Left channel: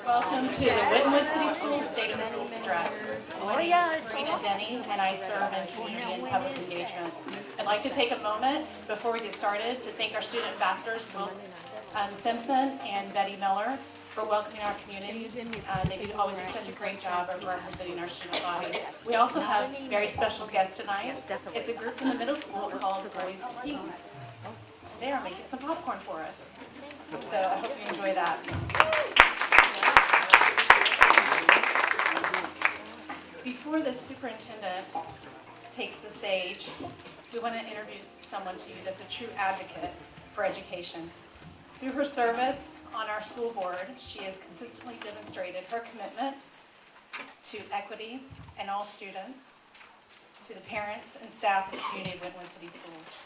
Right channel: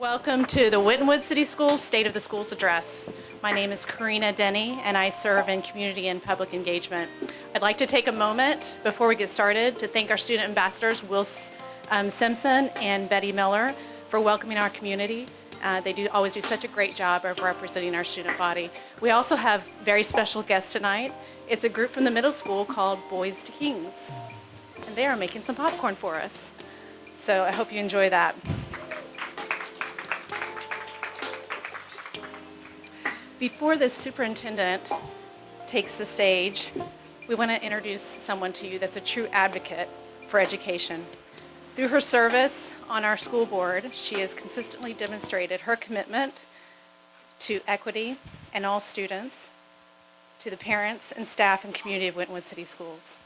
Welcome to the Winton City Schools State of the Schools Address. My name is Karina Denny, and I serve in Community and Public Engagement. I'd like to take a moment before we get started to thank our student ambassadors, Will Simpson and Betty Miller, for welcoming our community. They always do such a great job of representing our student body. We also have very special guests tonight. It's a group from the middle school called Boys to Kings, and they are making some popcorn for us. So I hope you enjoy that. Before the superintendent takes the stage, we want to introduce someone to you that's a true advocate for education. Through her service on our school board, she has consistently demonstrated her commitment to equity and all students, to the parents and staff and community of Winton City Schools.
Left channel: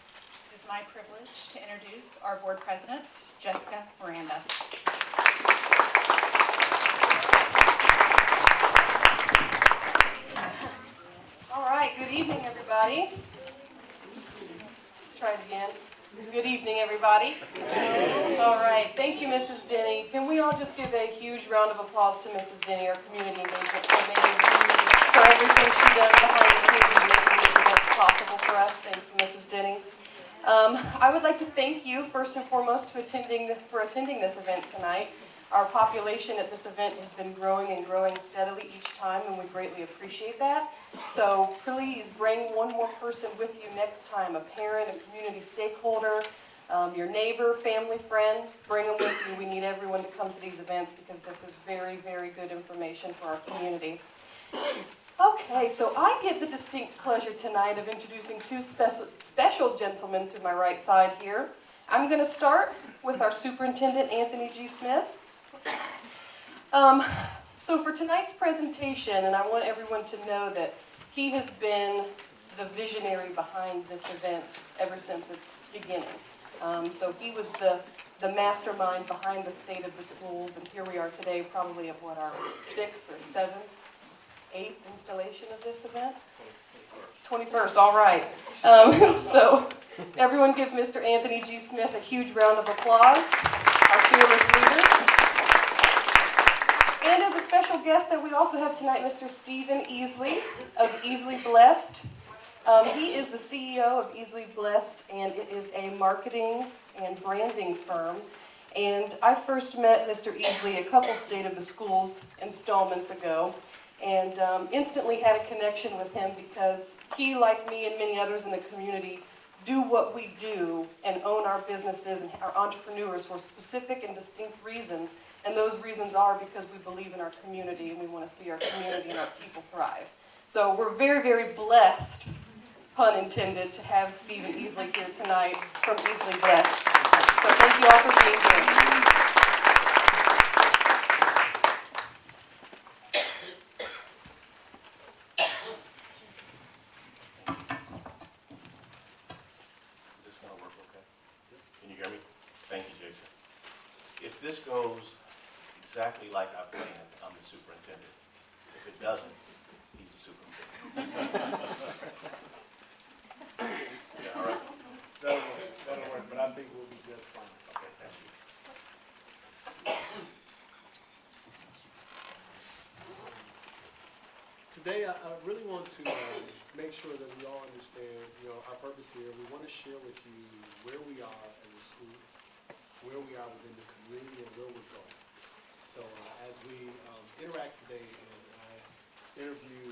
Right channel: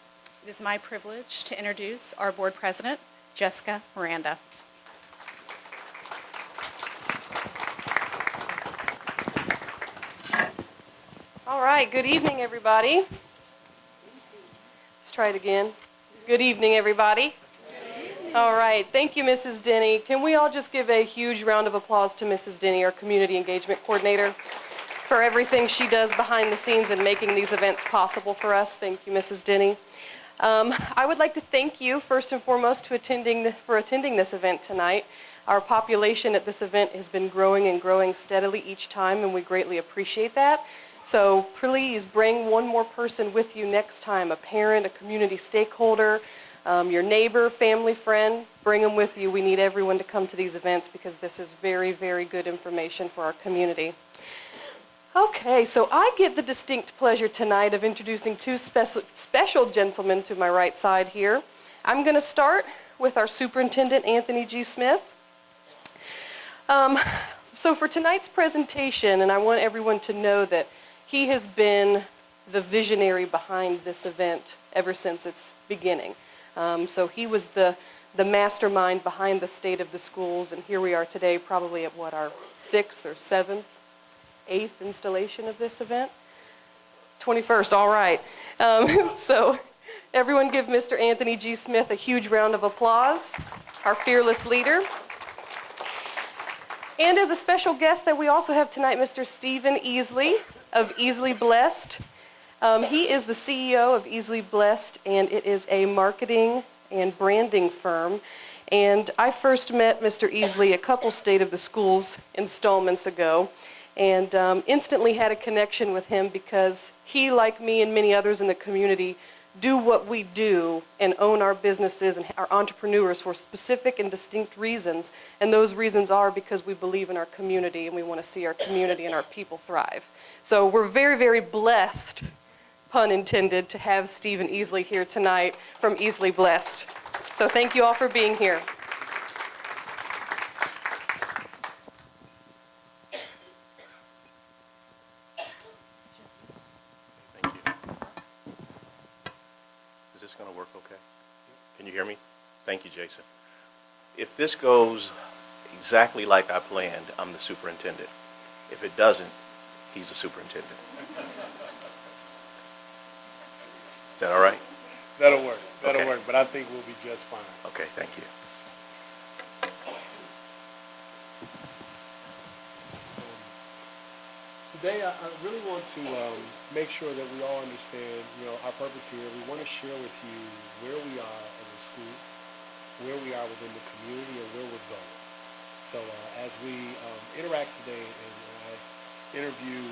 It is my privilege to introduce our board president, Jessica Miranda. All right, good evening, everybody. Let's try it again. Good evening, everybody. All right, thank you, Mrs. Denny. Can we all just give a huge round of applause to Mrs. Denny, our community engagement coordinator, for everything she does behind the scenes in making these events possible for us. Thank you, Mrs. Denny. I would like to thank you, first and foremost, for attending this event tonight. Our population at this event has been growing and growing steadily each time, and we greatly appreciate that. So please bring one more person with you next time, a parent, a community stakeholder, your neighbor, family, friend. Bring them with you. We need everyone to come to these events because this is very, very good information for our community. Okay, so I get the distinct pleasure tonight of introducing two special gentlemen to my right side here. I'm going to start with our superintendent, Anthony G. Smith. So for tonight's presentation, and I want everyone to know that he has been the visionary behind this event ever since its beginning. So he was the mastermind behind the State of the Schools, and here we are today, probably at what, our 6th or 7th, 8th installation of this event? 21st, all right. So everyone give Mr. Anthony G. Smith a huge round of applause, our fearless leader. And as a special guest that we also have tonight, Mr. Stephen Easley of Easley Blessed. He is the CEO of Easley Blessed, and it is a marketing and branding firm. And I first met Mr. Easley a couple State of the Schools installments ago, and instantly had a connection with him because he, like me and many others in the community, do what we do and own our businesses and our entrepreneurs for specific and distinct reasons. And those reasons are because we believe in our community and we want to see our community and our people thrive. So we're very, very blessed, pun intended, to have Stephen Easley here tonight from Easley Blessed. So thank you all for being here. Is this going to work okay? Can you hear me? Thank you, Jason. If this goes exactly like I planned, I'm the superintendent. If it doesn't, he's the superintendent. Is that all right? That'll work. That'll Okay. work, but I think we'll be just fine. Okay, thank you. Today, I really want to make sure that we all understand, our purpose here. We want to share with you where we are as a school, where we are within the community, and where we're going. So as we interact today and I interview,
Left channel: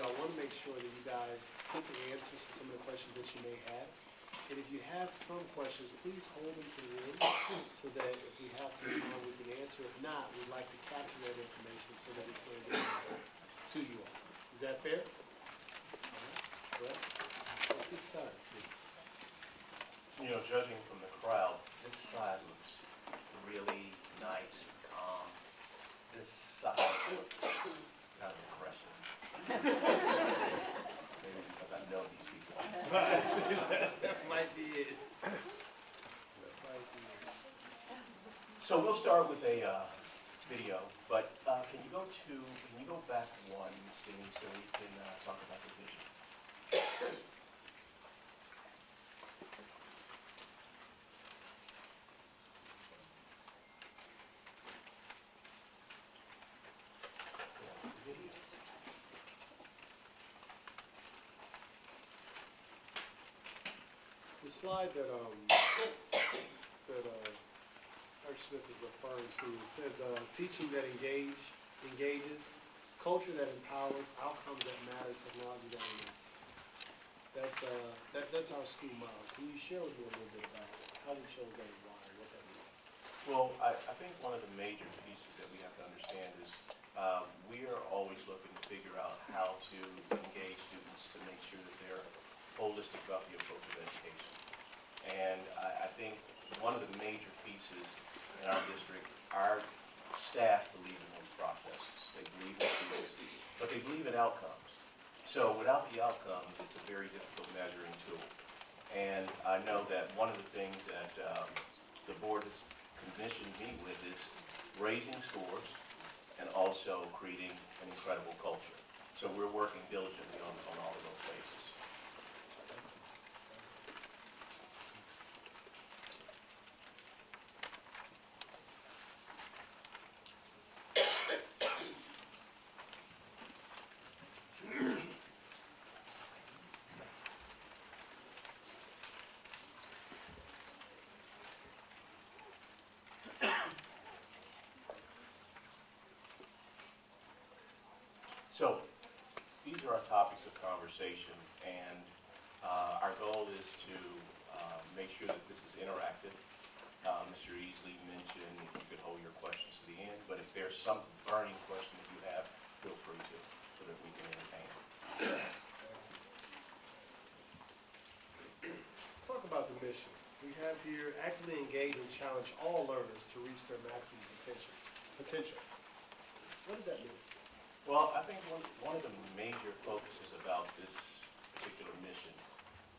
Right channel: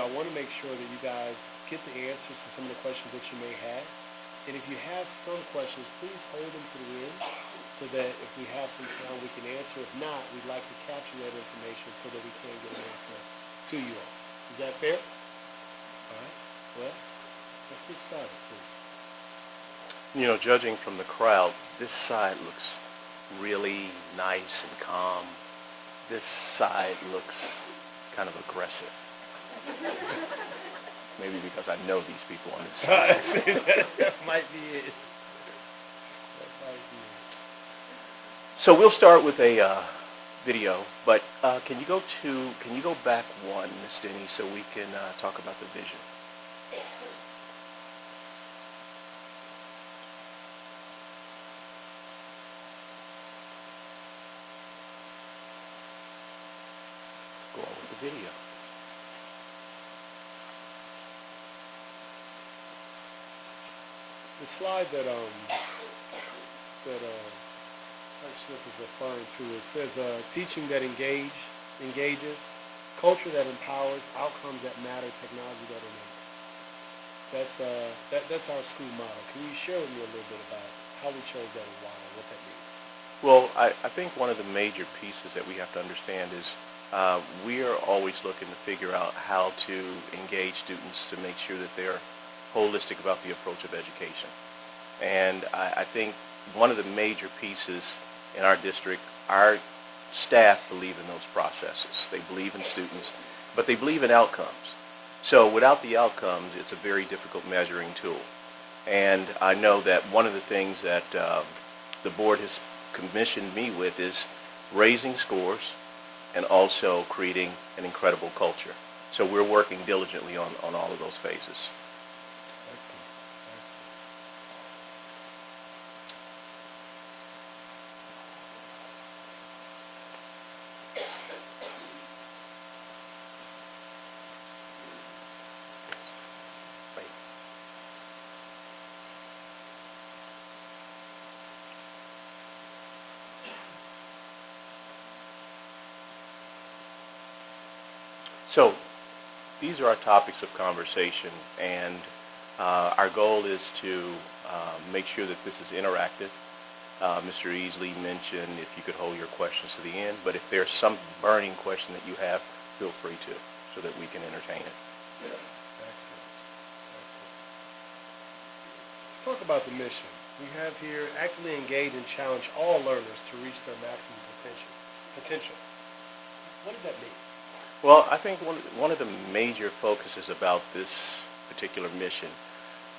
I want to make sure that you guys get the answers to some of the questions that you may have. And if you have some questions, please hold them to the end so that if we have some time, we can answer. If not, we'd like to capture that information so that we can get it sent to you all. Is that fair? All right. Well, let's get started, please. Judging from the crowd, this side looks really nice and calm. This side looks kind of aggressive. Maybe because I know these people on this side. That might be it. So we'll start with a video, but can you go back one, Ms. Denny, so we can talk about the vision? video. The slide that Coach Smith is referring to, it says teaching that engages, culture that empowers, outcomes that matter, technology that enables. That's our school model. Can you share with me a little bit about how we chose that and why, and what that means? Well, I think one of the major pieces that we have to understand is we are always looking to figure out how to engage students to make sure that they're holistic about the approach of education. And I think one of the major pieces in our district, our staff believe in those processes. They believe in students, but they believe in outcomes. So without the outcomes, it's a very difficult measuring tool. And I know that one of the things that the board has commissioned me with is raising scores and also creating an incredible culture. So we're working diligently on all of those phases. Excellent. So these are our topics of conversation, and our goal is to make sure that this is interactive. Mr. Easley mentioned if you could hold your questions to the end, but if there's some burning question that you have, feel free to, so that we can entertain it. Excellent. Let's talk about the mission. We have here actively engage and challenge all learners to reach their maximum potential. What does that mean? Well, I think one of the major focuses about this particular mission,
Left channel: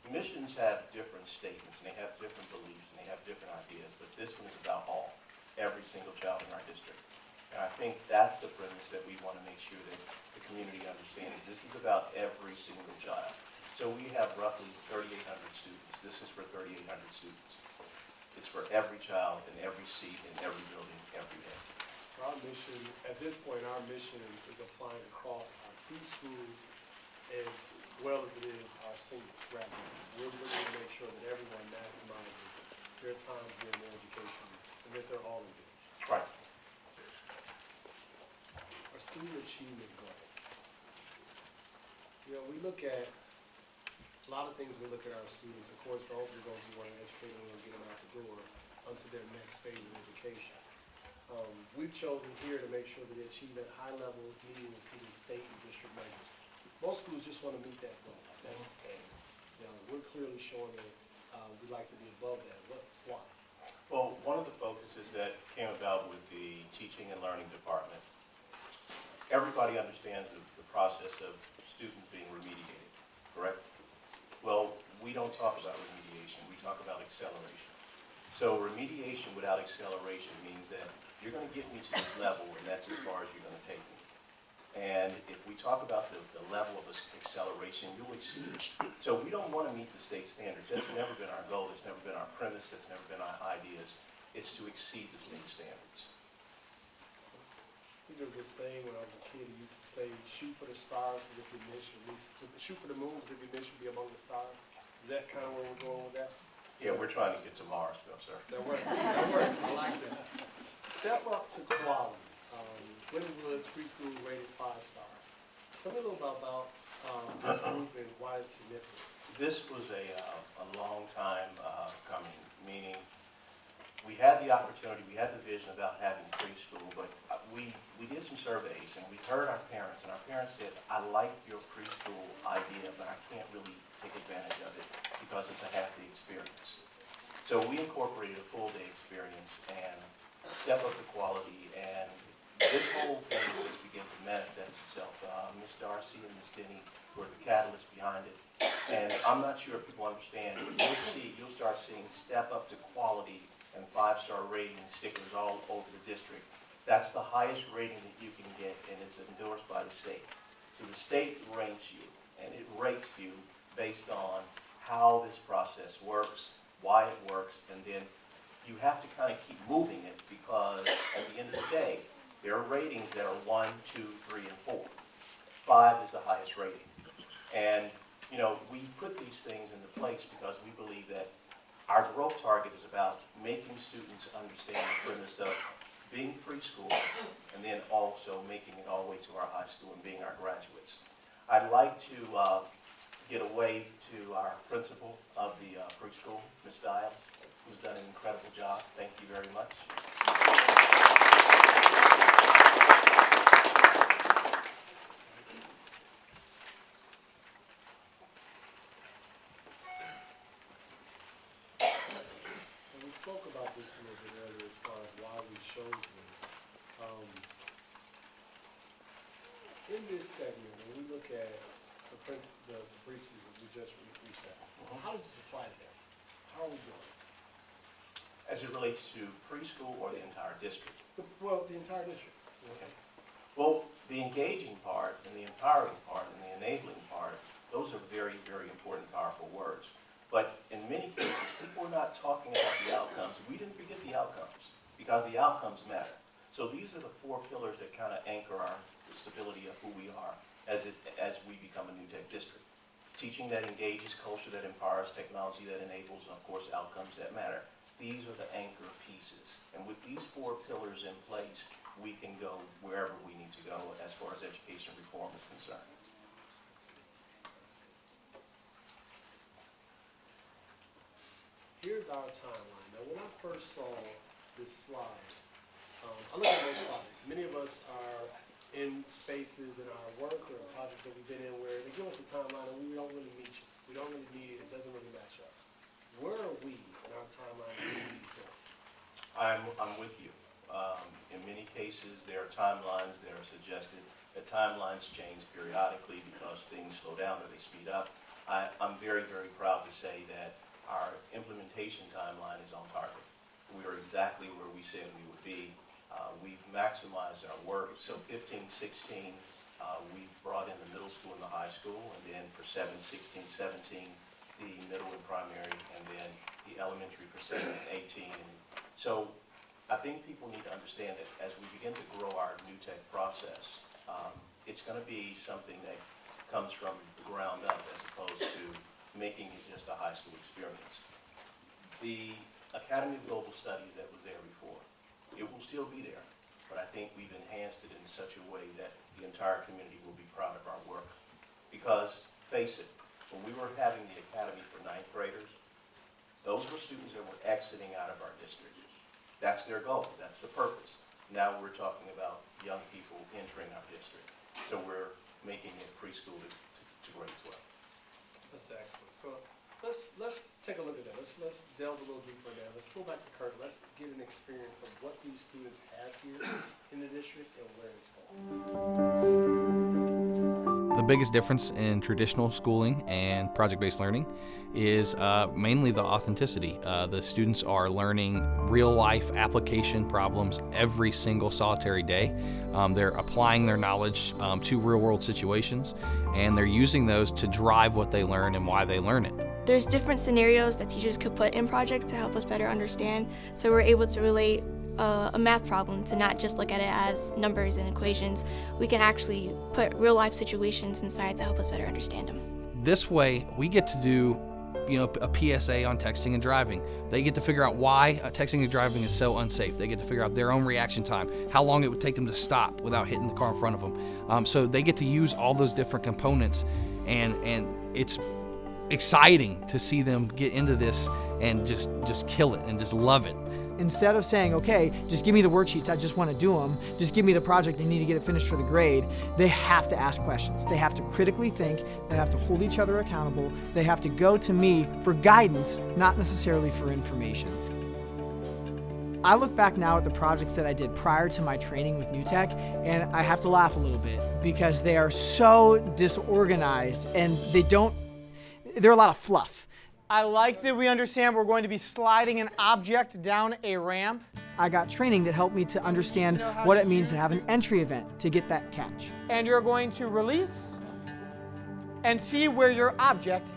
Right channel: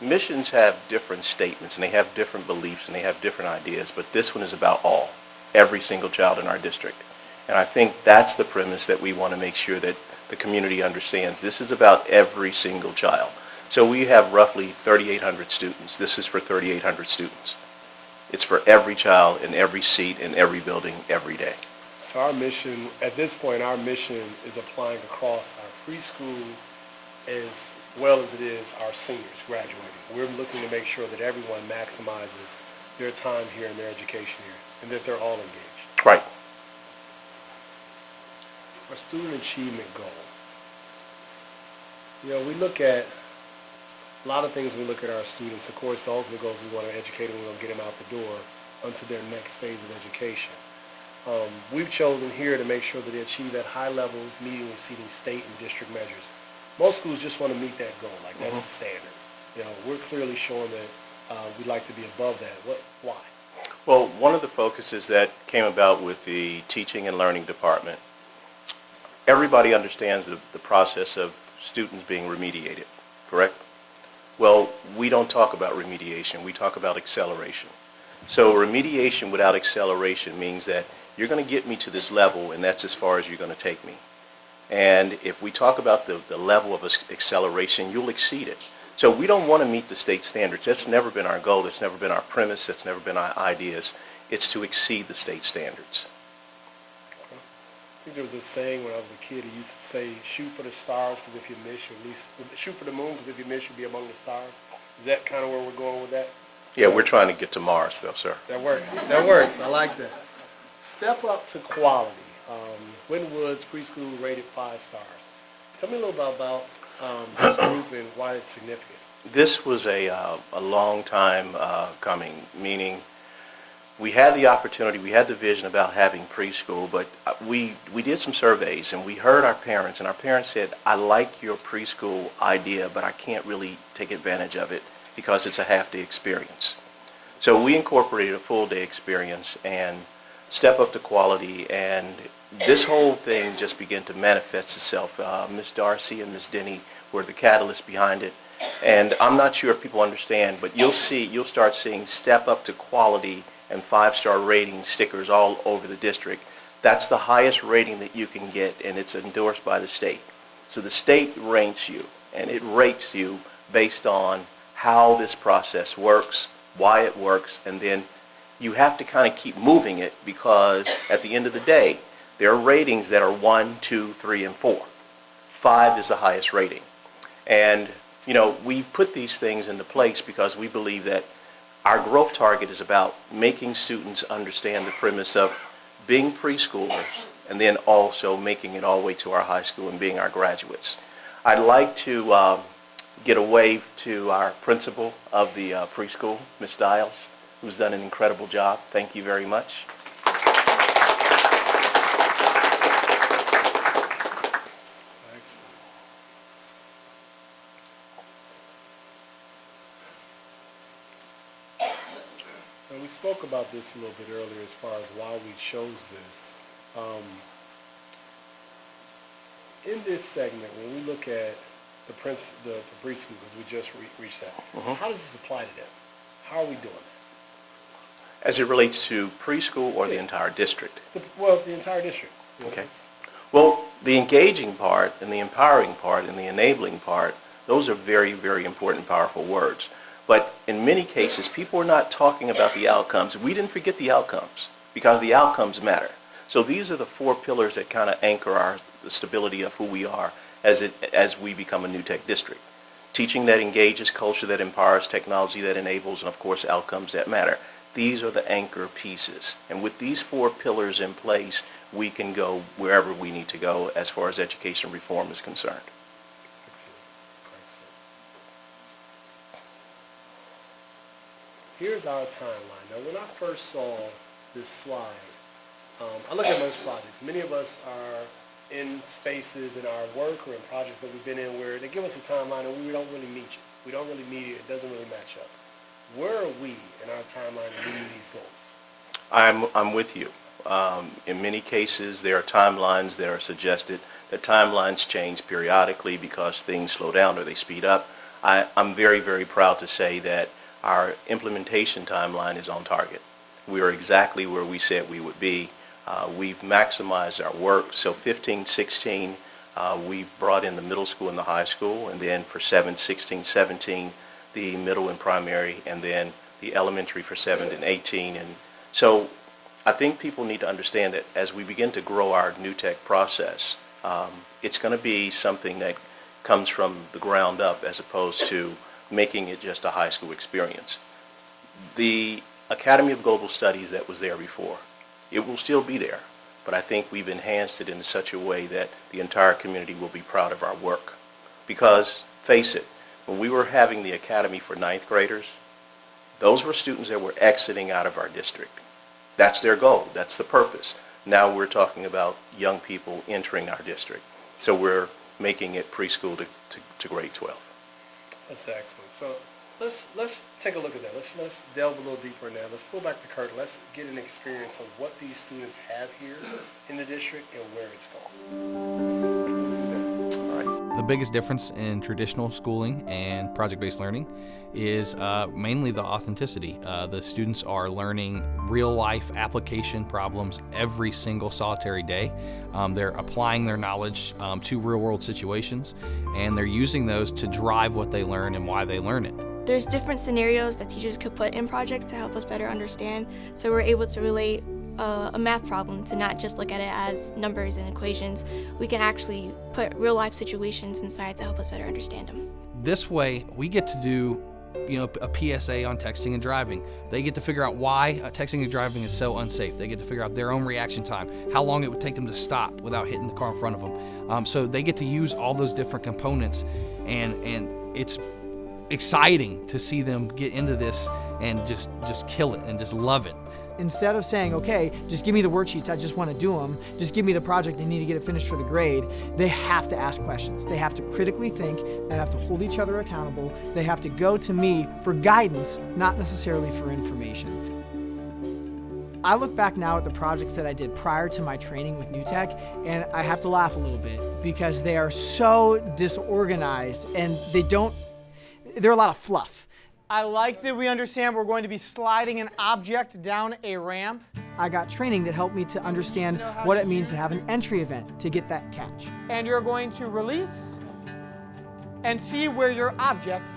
missions have different statements and they have different beliefs and they have different ideas, but this one is about every single child in our district. And I think that's the premise that we want to make sure that the community understands. This is about every single child. So we have roughly 3,800 students. This is for 3,800 students. It's for every child in every seat in every building every day. So our mission, at this point, our mission is applying across our preschool as well as it is our seniors graduating. We're looking to make sure that everyone maximizes their time here and their education here, and that they're all engaged. Right. Our student achievement goal. You know, we look at a lot of things when we look at our students. Of course, the ultimate goal is we want to educate them, we want to get them out the door onto their next phase of education. We've chosen here to make sure that they achieve at high levels, meeting and exceeding state and district measures. Most schools just want to meet that goal, like that's the standard. You know, we're clearly showing that we'd like to be above that. Why? Well, one of the focuses that came about with the teaching and learning department, everybody understands the process of students being remediated, correct? Well, we don't talk about remediation, we talk about acceleration. So remediation without acceleration means that you're going to get me to this level, and that's as far as you're going to take me. And if we talk about the level of acceleration, you'll exceed it. So we don't want to meet the state standards. That's never been our goal. That's never been our premise. That's never been our ideas. It's to exceed the state standards. I think there was a saying when I was a kid, he used to say, shoot for the stars, because if you miss, you at least, shoot for the moon, because if you miss, you'll be among the stars. Is that kind of where we're going with that? Yeah, we're trying to get to Mars, though, sir. That works. That works. I like that. Step up to quality. Winton Woods preschool rated 5 stars. Tell me a little bit about this group and why it's significant. This was a long time coming, meaning we had the opportunity, we had the vision about having preschool, but we did some surveys and we heard our parents, and our parents said, I like your preschool idea, but I can't really take advantage of it because it's a half-day experience. So we incorporated a full-day experience and step up to quality, and this whole thing just began to manifest itself. Ms. Darcy and Ms. Denny were the catalyst behind it. And I'm not sure if people understand, but you'll start seeing step up to quality and 5-star rating stickers all over the district. That's the highest rating that you can get, and it's endorsed by the state. So the state ranks you, and it rates you based on how this process works, why it works, and then you have to kind of keep moving it, because at the end of the day, there are ratings that are 1, 2, 3, and 4. 5 is the highest rating. And, you know, we put these things into place because we believe that our growth target is about making students understand the premise of being preschoolers and then also making it all the way to our high school and being our graduates. I'd like to get a wave to our principal of the preschool, Ms. Dials, who's done an incredible job. Thank you very much. And we spoke about this a little bit earlier as far as why we chose this. In this segment, when we look at the preschool, as we just reached that, how does this apply to them? How are we doing it? As it relates to preschool or the entire district? The entire district. Okay. Well, the engaging part and the empowering part and the enabling part, those are very, very important, powerful words. But in many cases, people are not talking about the outcomes. We didn't forget the outcomes because the outcomes matter. So these are the 4 pillars that kind of anchor the stability of who we are as we become a New Tech district. Teaching that engages, culture that empowers, technology that enables, and of course outcomes that matter. These are the anchor pieces. And with these 4 pillars in place, we can go wherever we need to go as far as education reform is concerned. Here's our timeline. Now, when I first saw this slide, I look at most projects. Many of us are in spaces in our work or in projects that we've been in where they give us a timeline and we don't really meet it. We don't really meet it. It doesn't really match up. Where are we in our timeline of meeting these goals? I'm with you. In many cases, there are timelines that are suggested. The timelines change periodically because things slow down or they speed up. I'm very, very proud to say that our implementation timeline is on target. We are exactly where we said we would be. We've maximized our work. So 15, 16, we've brought in the middle school and the high school, and then for 7, 16, 17, the middle and primary, and then the elementary for 7 and 18. And so I think people need to understand that as we begin to grow our New Tech process, it's going to be something that comes from the ground up as opposed to making it just a high school experience. The Academy of Global Studies that was there before, it will still be there, but I think we've enhanced it in such a way that the entire community will be proud of our work. Because, face it, when we were having the academy for 9th graders, those were students that were exiting out of our district. That's their goal, that's the purpose. Now we're talking about young people entering our district. So we're making it preschool to grade 12. That's excellent. So let's take a look at that. Let's delve a little deeper in that. Let's pull back the curtain. Let's get an experience of what these students have here in the district and where it's going. The biggest difference in traditional schooling and project-based learning is mainly the authenticity. The students are learning real-life application problems every single solitary day. They're applying their knowledge to real-world situations, and they're using those to drive what they learn and why they learn it. There's different scenarios that teachers could put in projects to help us better understand, so we're able to relate a math problem to not just look at it as numbers and equations. We can actually put real life situations inside to help us better understand them. This way, we get to do a PSA on texting and driving. They get to figure out why texting and driving is so unsafe. They get to figure out their own reaction time, how long it would take them to stop without hitting the car in front of them. So they get to use all those different components, and it's exciting to see them get into this and just kill it and just love it. Instead of saying, okay, just give me the worksheets, I just want to do them, just give me the project, I need to get it finished for the grade, they have to ask questions. They have to critically think, they have to hold each other accountable, they have to go to me for guidance, not necessarily for information. I look back now at the projects that I did prior to my training with New Tech, and I have to laugh a little bit because they are so disorganized and they're a lot of fluff. I like that we understand we're going to be sliding an object down a ramp. I got training that helped me to understand what it means to have an entry event to get that catch. And you're going to release and see where your object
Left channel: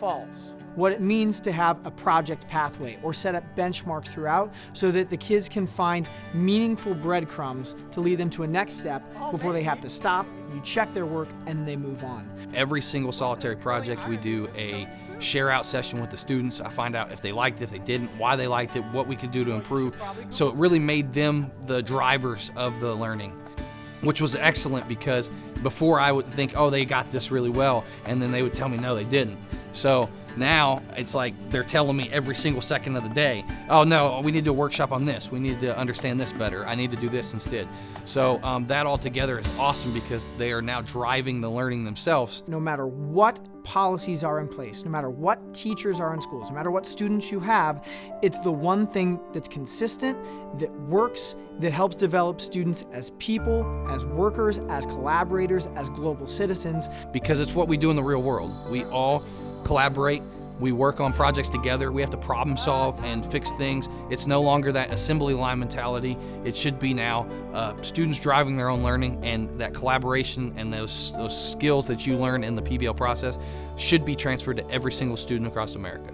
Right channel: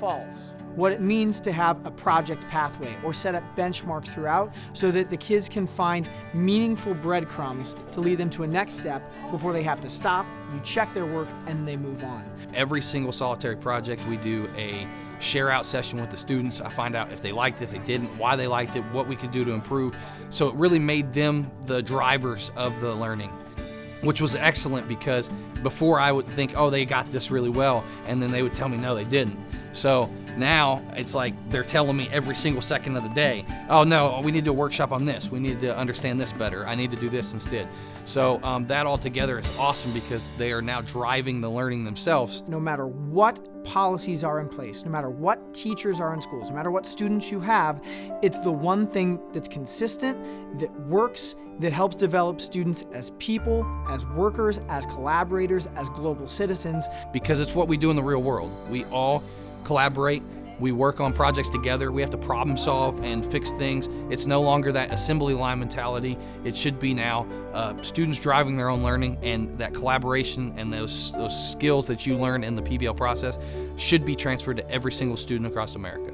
False. What it means to have a project pathway or set up benchmarks throughout so that the kids can find meaningful breadcrumbs to lead them to a next step before they have to stop, you check their work, and they move on. Every single solitary project, we do a share out session with the students. I find out if they liked it, if they didn't, why they liked it, what we could do to improve. So it really made them the drivers of the learning, which was excellent because before I would think, oh, they got this really well, and then they would tell me, no, they didn't. So now it's like they're telling me every single second of the day, oh no, we need to do a workshop on this. We need to understand this better. I need to do this instead. So that all together is awesome because they are now driving the learning themselves. No matter what policies are in place, no matter what teachers are in schools, no matter what students you have, it's the one thing that's consistent, that works, that helps develop students as people, as workers, as collaborators, as global citizens. Because it's what we do in the real world. We all collaborate, we work on projects together, we have to problem solve and fix things. It's no longer that assembly line mentality. It should be now students driving their own learning, and that collaboration and those skills that you learn in the PBL process should be transferred to every single student across America.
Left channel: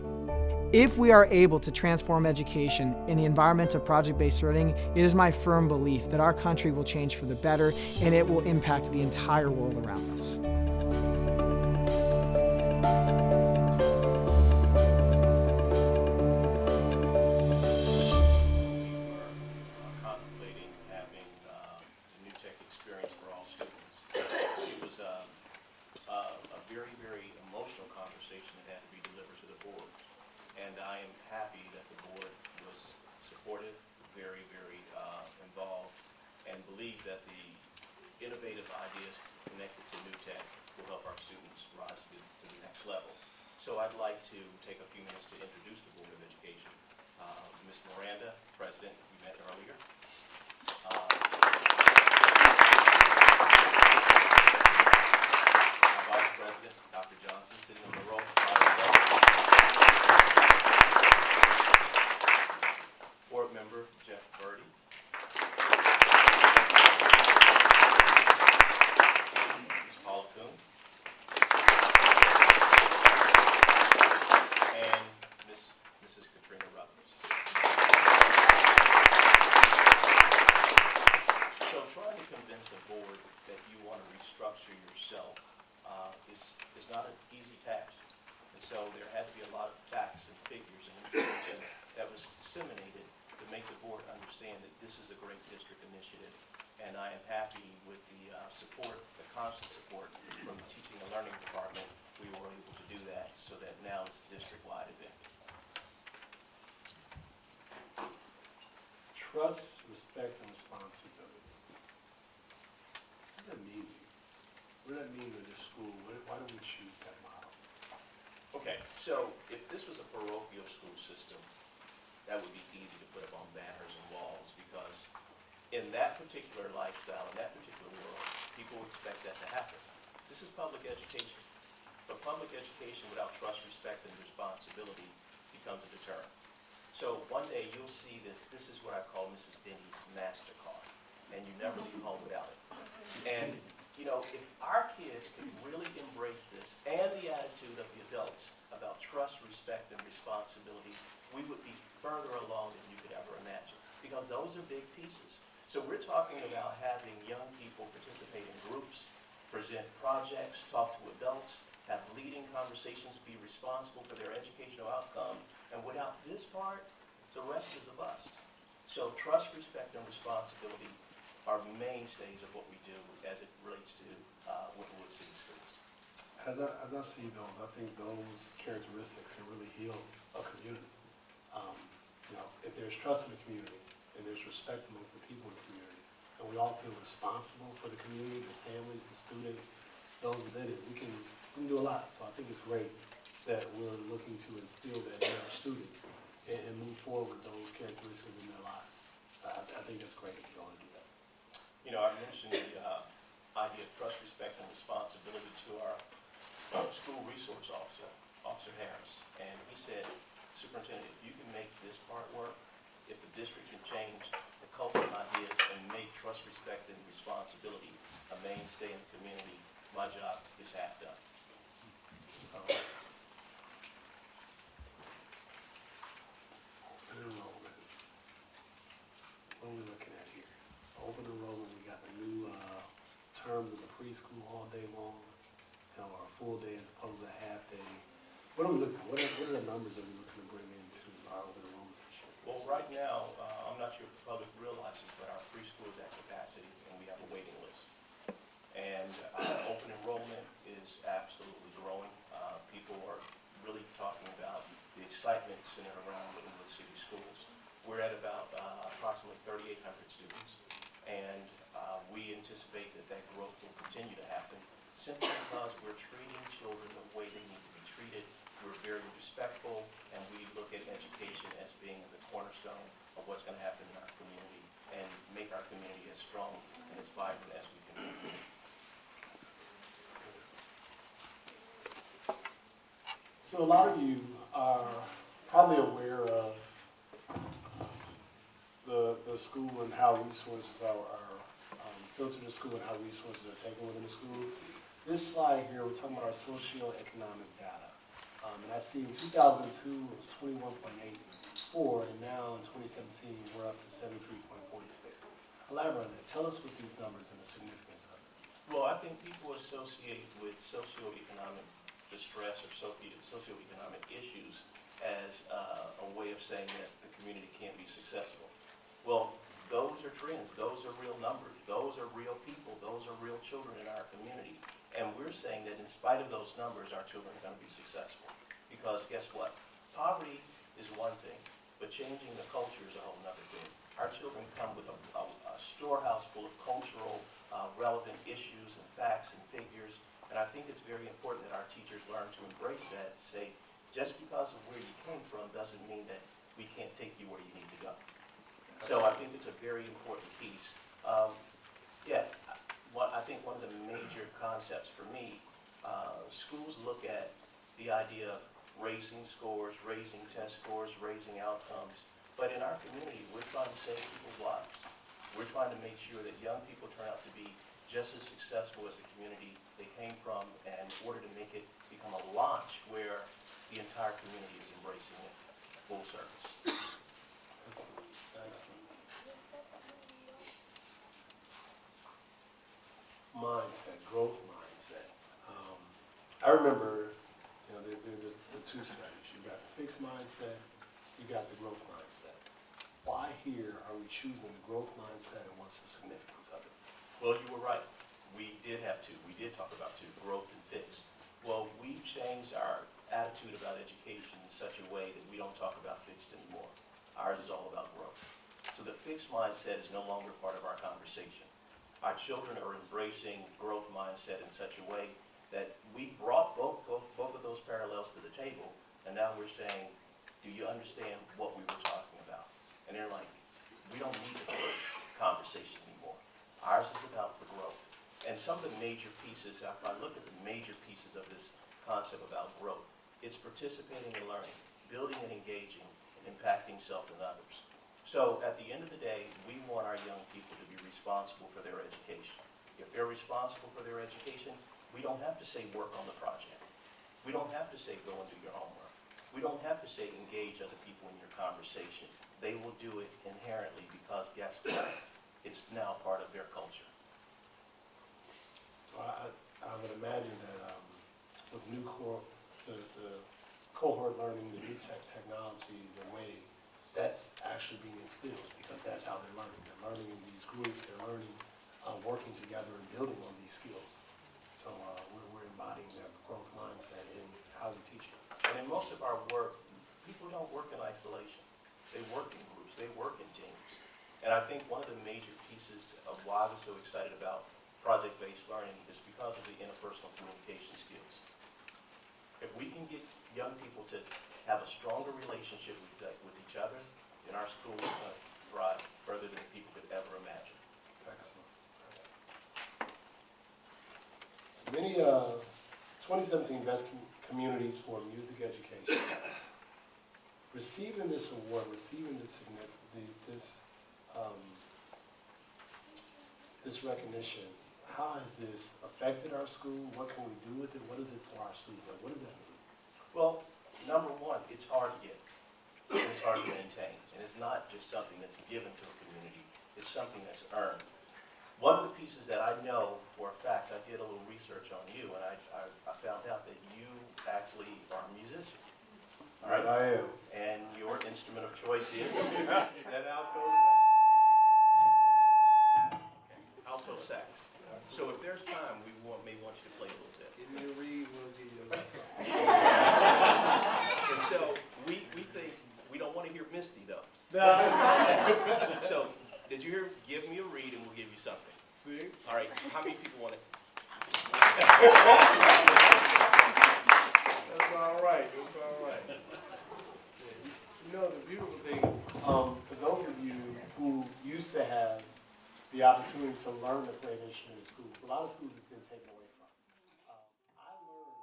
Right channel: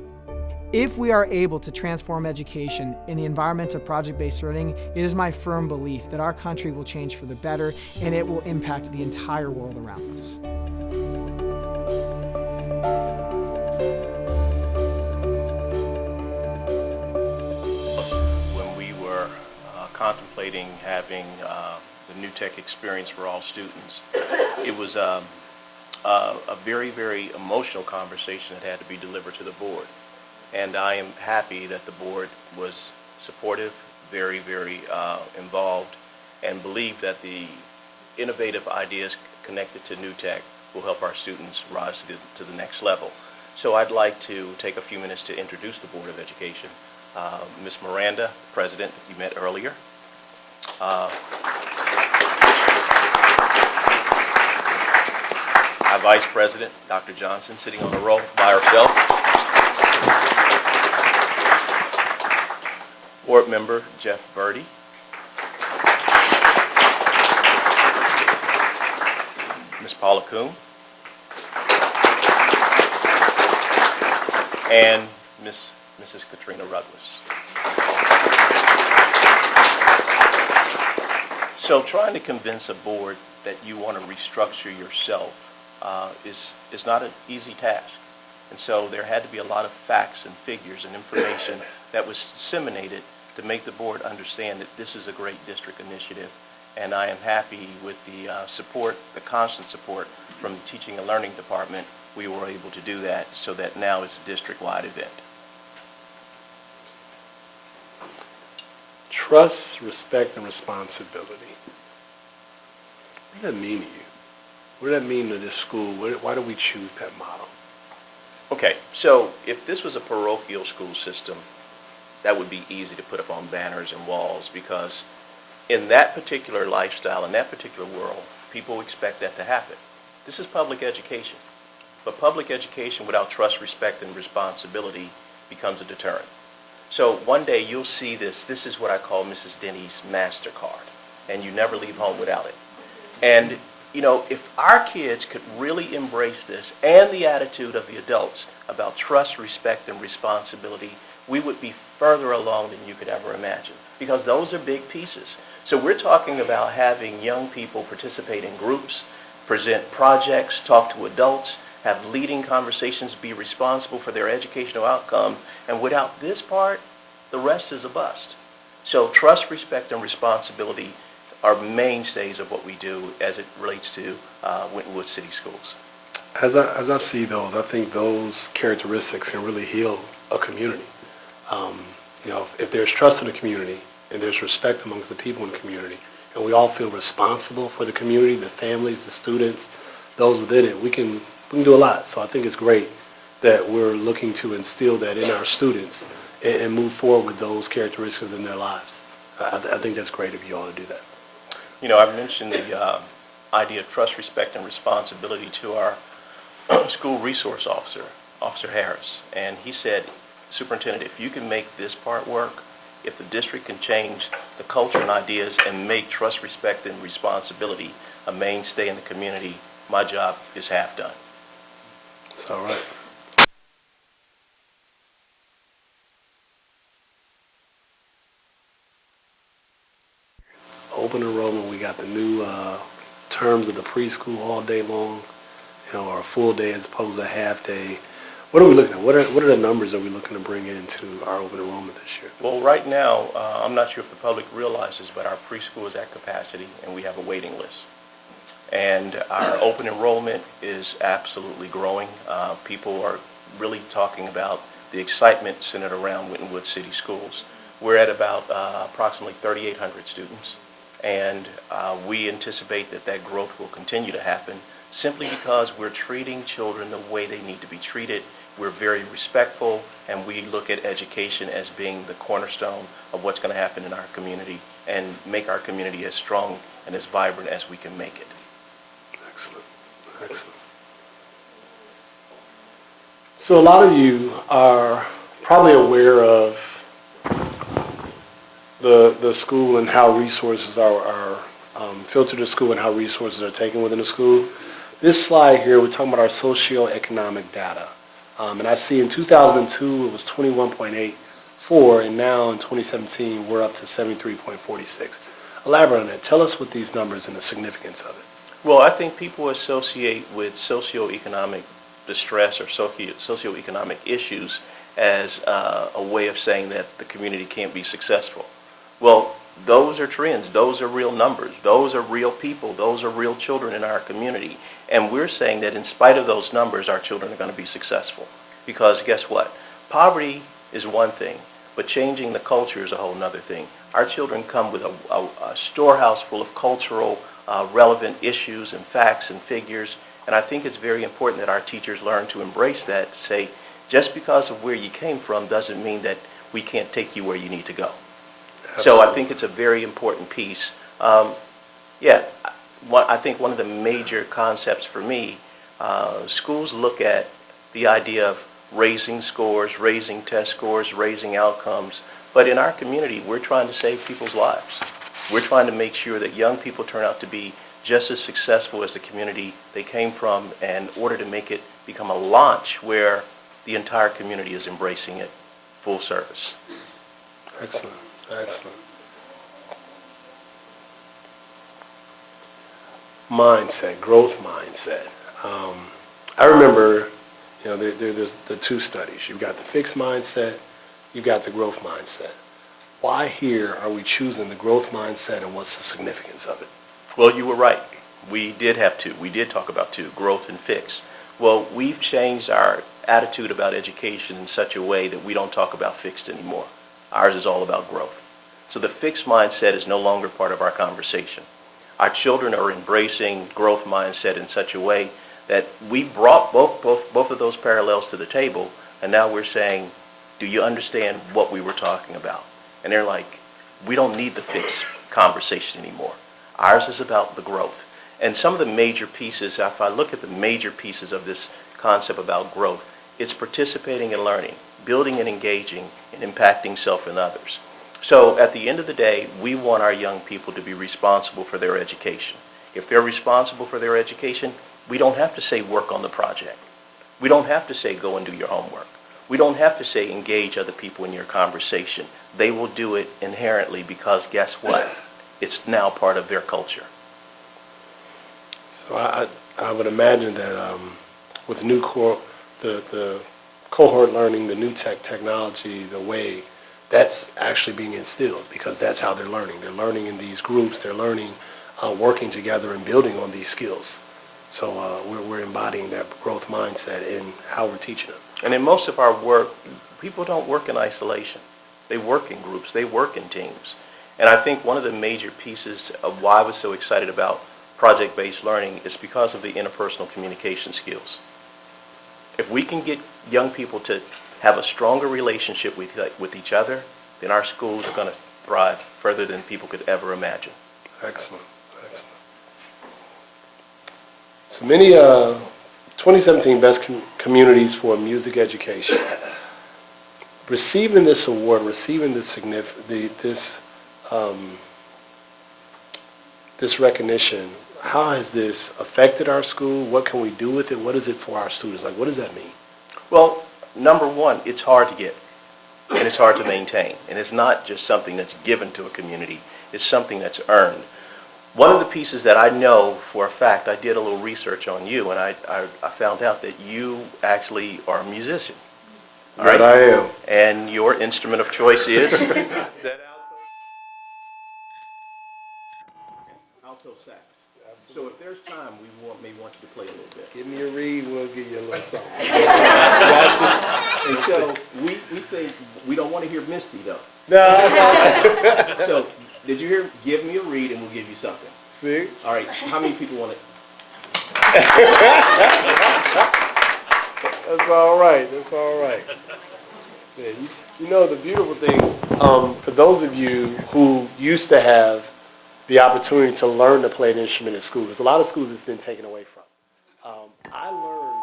If we are able to transform education in the environment of project-based learning, it is my firm belief that our country will change for the better and it will impact the entire world around us. Contemplating having the New Tech experience for all students, it was a very, very emotional conversation that had to be delivered to the board. And I am happy that the board was supportive, very, very involved, and believed that the innovative ideas connected to New Tech will help our students rise to the next level. So I'd like to take a few minutes to introduce the Board of Education. Ms. Miranda, President, that you met earlier. Our Vice President, Dr. Johnson, sitting on the row by herself. Board Member Jeff Verdi. Ms. Paula Kuhn. And Mrs. Katrina Ruggless. So trying to convince a board that you want to restructure yourself is not an easy task. And so there had to be a lot of facts and figures and information that was disseminated to make the board understand that this is a great district initiative. And I am happy with the support, the constant support from the Teaching and Learning Department. We were able to do that so that now it's a district-wide event. Trust, respect, and responsibility. What does that mean to you? What does that mean to this school? Why do we choose that model? Okay, so if this was a parochial school system, that would be easy to put up on banners and walls, because in that particular lifestyle, in that particular world, people expect that to happen. This is public education. But public education without trust, respect, and responsibility becomes a deterrent. So one day you'll see this. This is what I call Mrs. Denny's MasterCard, and you never leave home without it. And, you know, if our kids could really embrace this and the attitude of the adults about trust, respect, and responsibility, we would be further along than you could ever imagine, because those are big pieces. So we're talking about having young people participate in groups, present projects, talk to adults, have leading conversations, be responsible for their educational outcome, and without this part, the rest is a bust. So trust, respect, and responsibility are mainstays of what we do as it relates to Winton Woods City Schools. As I see those, I think those characteristics can really heal a community. You know, if there's trust in the community and there's respect amongst the people in the community, and we all feel responsible for the community, the families, the students, those within it, we can do a lot. So I think it's great that we're looking to instill that in our students and move forward with those characteristics in their lives. I think that's great of you all to do that. You know, I've mentioned the idea of trust, respect, and responsibility to our school resource officer, Officer Harris. And he said, Superintendent, if you can make this part work, if the district can change the culture and ideas and make trust, respect, and responsibility a mainstay in the community, my job is half done. It's all right. open enrollment, we got the new terms of the preschool all day long, or a full day as opposed to a half day. What are we looking at? What are the numbers that we're looking to bring into our open enrollment this year? Well, right now, I'm not sure if the public realizes, but our preschool is at capacity and we have a waiting list. And our open enrollment is absolutely growing. People are really talking about the excitement centered around Winton Woods City Schools. We're at about approximately 3,800 students, and we anticipate that that growth will continue to happen simply because we're treating children the way they need to be treated. We're very respectful, and we look at education as being the cornerstone of what's going to happen in our community and make our community as strong and as vibrant as we can make it. Excellent, excellent. So a lot of you are probably aware of the school and how resources are filtered to school and how resources are taken within the school. This slide here, we're talking about our socioeconomic data. And I see in 2002 it was 21.84, and now in 2017 we're up to 73.46. Elaborate on that. Tell us what these numbers and the significance of it. Well, I think people associate with socioeconomic distress or socioeconomic issues as a way of saying that the community can't be successful. Well, those are trends. Those are real numbers. Those are real people. Those are real children in our community. And we're saying that in spite of those numbers, our children are going to be successful. Because guess what? Poverty is one thing, but changing the culture is a whole other thing. Our children come with a storehouse full of cultural relevant issues and facts and figures. And I think it's very important that our teachers learn to embrace that, to say, just because of where you came from doesn't mean that we can't take you where you need to go. Absolutely. So I think it's a very important piece. I think one of the major concepts for me, schools look at the idea of raising scores, raising test scores, raising outcomes. But in our community, we're trying to save people's lives. We're trying to make sure that young people turn out to be just as successful as the community they came from, in order to make it become a launch where the entire community is embracing it full service. Excellent, excellent. Mindset, growth mindset. I remember, there's the two studies. You've got the fixed mindset, you've got the growth mindset. Why here are we choosing the growth mindset, and what's the significance of it? Well, you were right. We did have two. We did talk about two, growth and fixed. Well, we've changed our attitude about education in such a way that we don't talk about fixed anymore. Ours is all about growth. So the fixed mindset is no longer part of our conversation. Our children are embracing growth mindset in such a way that we brought both of those parallels to the table, and now we're saying, do you understand what we were talking about? And they're like, we don't need the fixed conversation anymore. Ours is about the growth. And some of the major pieces, if I look at the major pieces of this concept about growth, it's participating and learning, building and engaging, and impacting self and others. So at the end of the day, we want our young people to be responsible for their education. If they're responsible for their education, we don't have to say work on the project. We don't have to say go and do your homework. We don't have to say engage other people in your conversation. They will do it inherently because guess what? It's now part of their culture. So I would imagine that with the new the cohort learning, the new technology, the way that's actually being instilled, because that's how they're learning. They're learning in these groups. They're learning working together and building on these skills. So we're embodying that growth mindset in how we're teaching them. And in most of our work, people don't work in isolation. They work in groups. They work in teams. And I think one of the major pieces of why I was so excited about project-based learning is because of the interpersonal communication skills. If we can get young people to have a stronger relationship with each other, then our schools are going to thrive further than people could ever imagine. Excellent, excellent. So many 2017 Best Communities for Music Education. Receiving this award, receiving this this recognition, how has this affected our school? What can we do with it? What is it for our students? Like, what does that mean? Well, number one, it's hard to get, and it's hard to maintain. And it's not just something that's given to a community. It's something that's earned. One of the pieces that I know for a fact, I did a little research on you, and I found out that you actually are a musician. All right? That I am. And your instrument of choice is? Alto sax. So if there's time, we may want you to play a little bit. Give me a read, we'll give you a little something. And so we think, we don't want to hear Misty though. No. So did you hear, give me a read and we'll give you something. See? All right, how many people want it? That's all right. That's all right. Yeah, you know, the beautiful thing, for those of you who used to have the opportunity to learn to play an instrument in school, there's a lot of schools it's been taken away from. I learned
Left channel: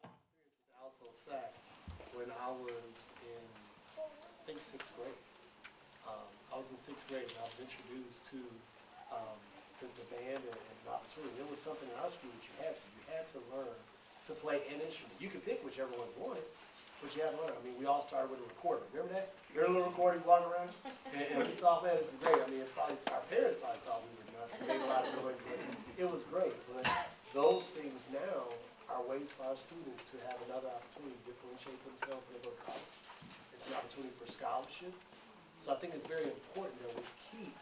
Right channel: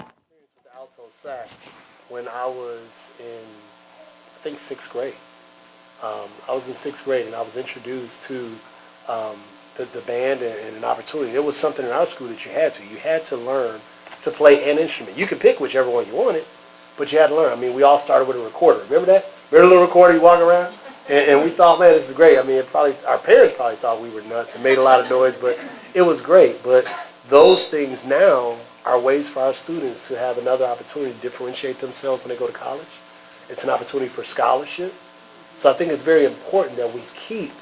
experience with the alto sax when I was in, I think, 6th grade. I was in 6th grade and I was introduced to the band and an opportunity. It was something in our school that you had to. You had to learn to play an instrument. You could pick whichever one you wanted, but you had to learn. I mean, we all started with a recorder. Remember that? Remember the little recorder you walk around? And we thought, man, this is great. I mean, our parents probably thought we were nuts and made a lot of noise, but it was great. But those things now are ways for our students to have another opportunity to differentiate themselves when they go to college. It's an opportunity for scholarship. So I think it's very important that we keep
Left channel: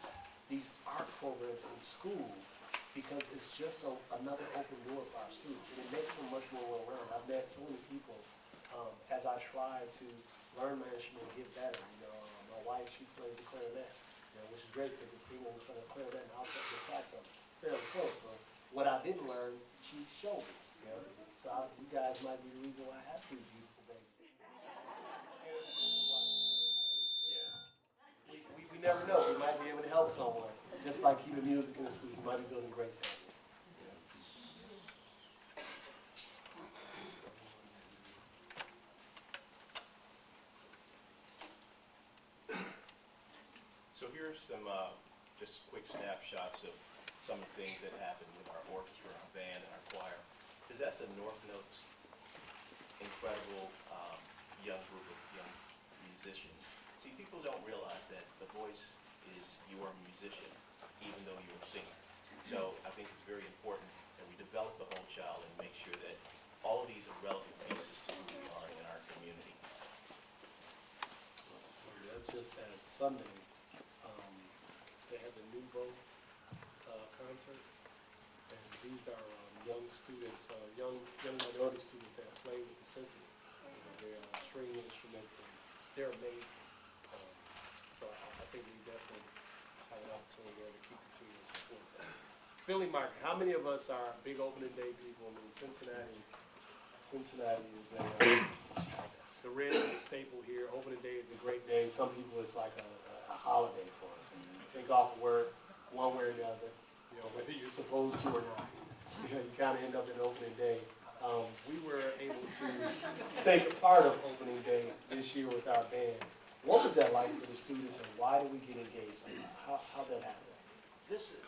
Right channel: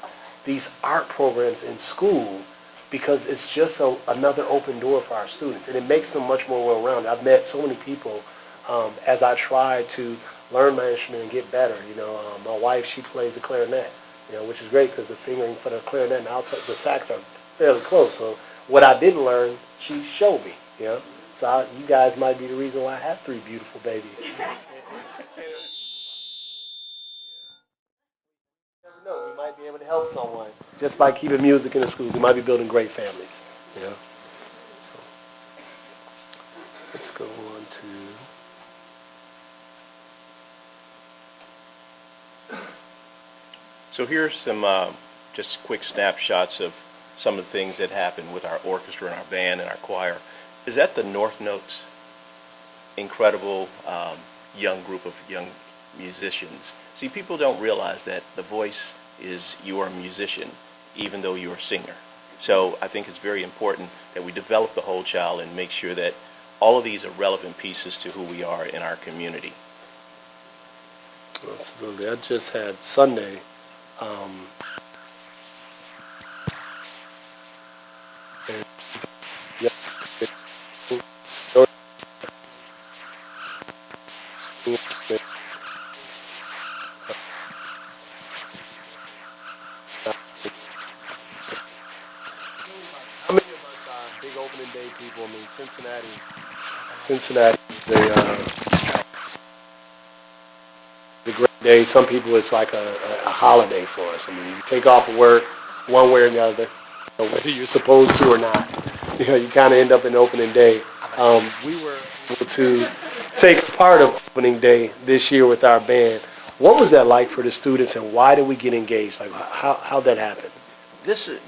these art programs in school because it's just another open door for our students, and it makes them much more well-rounded. I've met so many people as I try to learn my instrument and get better. You know, my wife, she plays the clarinet, you know, which is great because the fingering for the clarinet and the sax are fairly close. So what I didn't learn, she showed me, you know. So you guys might be the reason why I have 3 beautiful babies. We never know. We might be able to help someone just by keeping music in the schools. We might be building great families, you know. So let's go on to... So here's some just quick snapshots of some of the things that happened with our orchestra and our band and our choir. Is that the North Notes? Incredible young group of young musicians. See, people don't realize that the voice is you are a musician, even though you're a singer. So I think it's very important that we develop the whole child and make sure that all of these are relevant pieces to who we are in our community. Absolutely. I just had Sunday. How many of us are big opening day people? I mean, Cincinnati, they the great day. Some people, it's like a holiday for us. I mean, you take off of work one way or the other, you know, whether you're supposed to or not. You know, you kind of end up in opening day. We were able to take part of opening day this year with our band. What was that like for the students, and why did we get engaged? Like, how'd that happen? This is,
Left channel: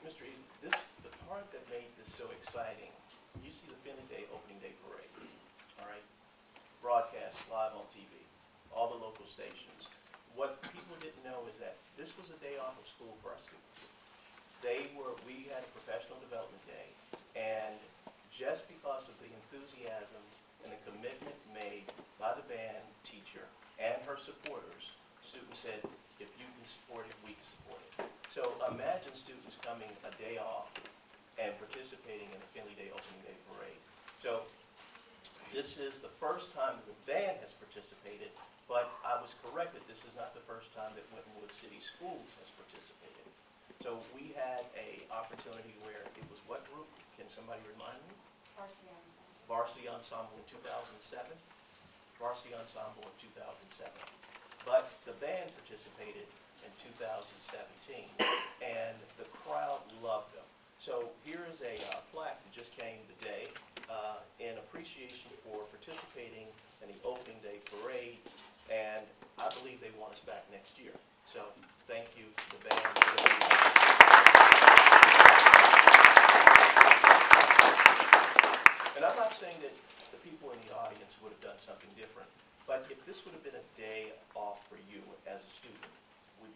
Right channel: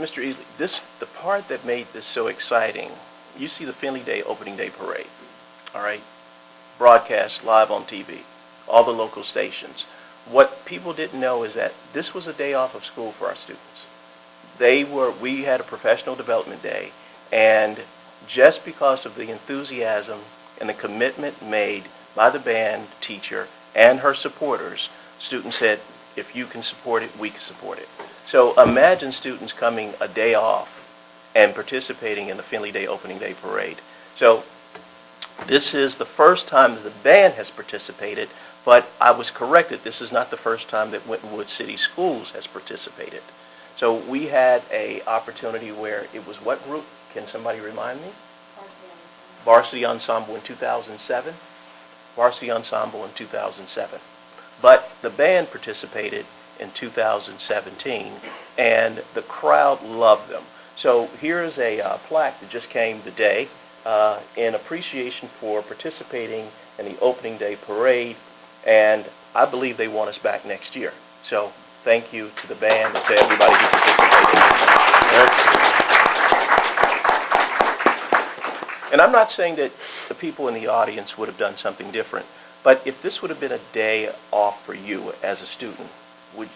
Mr. Easley, the part that made this so exciting, you see the Finley Day opening day parade, all right? Broadcast live on TV, all the local stations. What people didn't know is that this was a day off of school for our students. We had a professional development day, and just because of the enthusiasm and the commitment made by the band teacher and her supporters, students said, if you can support it, we can support it. So imagine students coming a day off and participating in the Finley Day opening day parade. So this is the first time that the band has participated, but I was corrected. This is not the first time that Winton Woods City Schools has participated. So we had an opportunity where it was what group? Can somebody remind me? Varsity Ensemble in 2007. Varsity Ensemble in 2007. But the band participated in 2017, and the crowd loved them. So here is a plaque that just came today in appreciation for participating in the opening day parade, and I believe they want us back next year. So thank you to the band and to everybody who participated. And I'm not saying that the people in the audience would have done something different, but if this would have been a day off for you as a student, would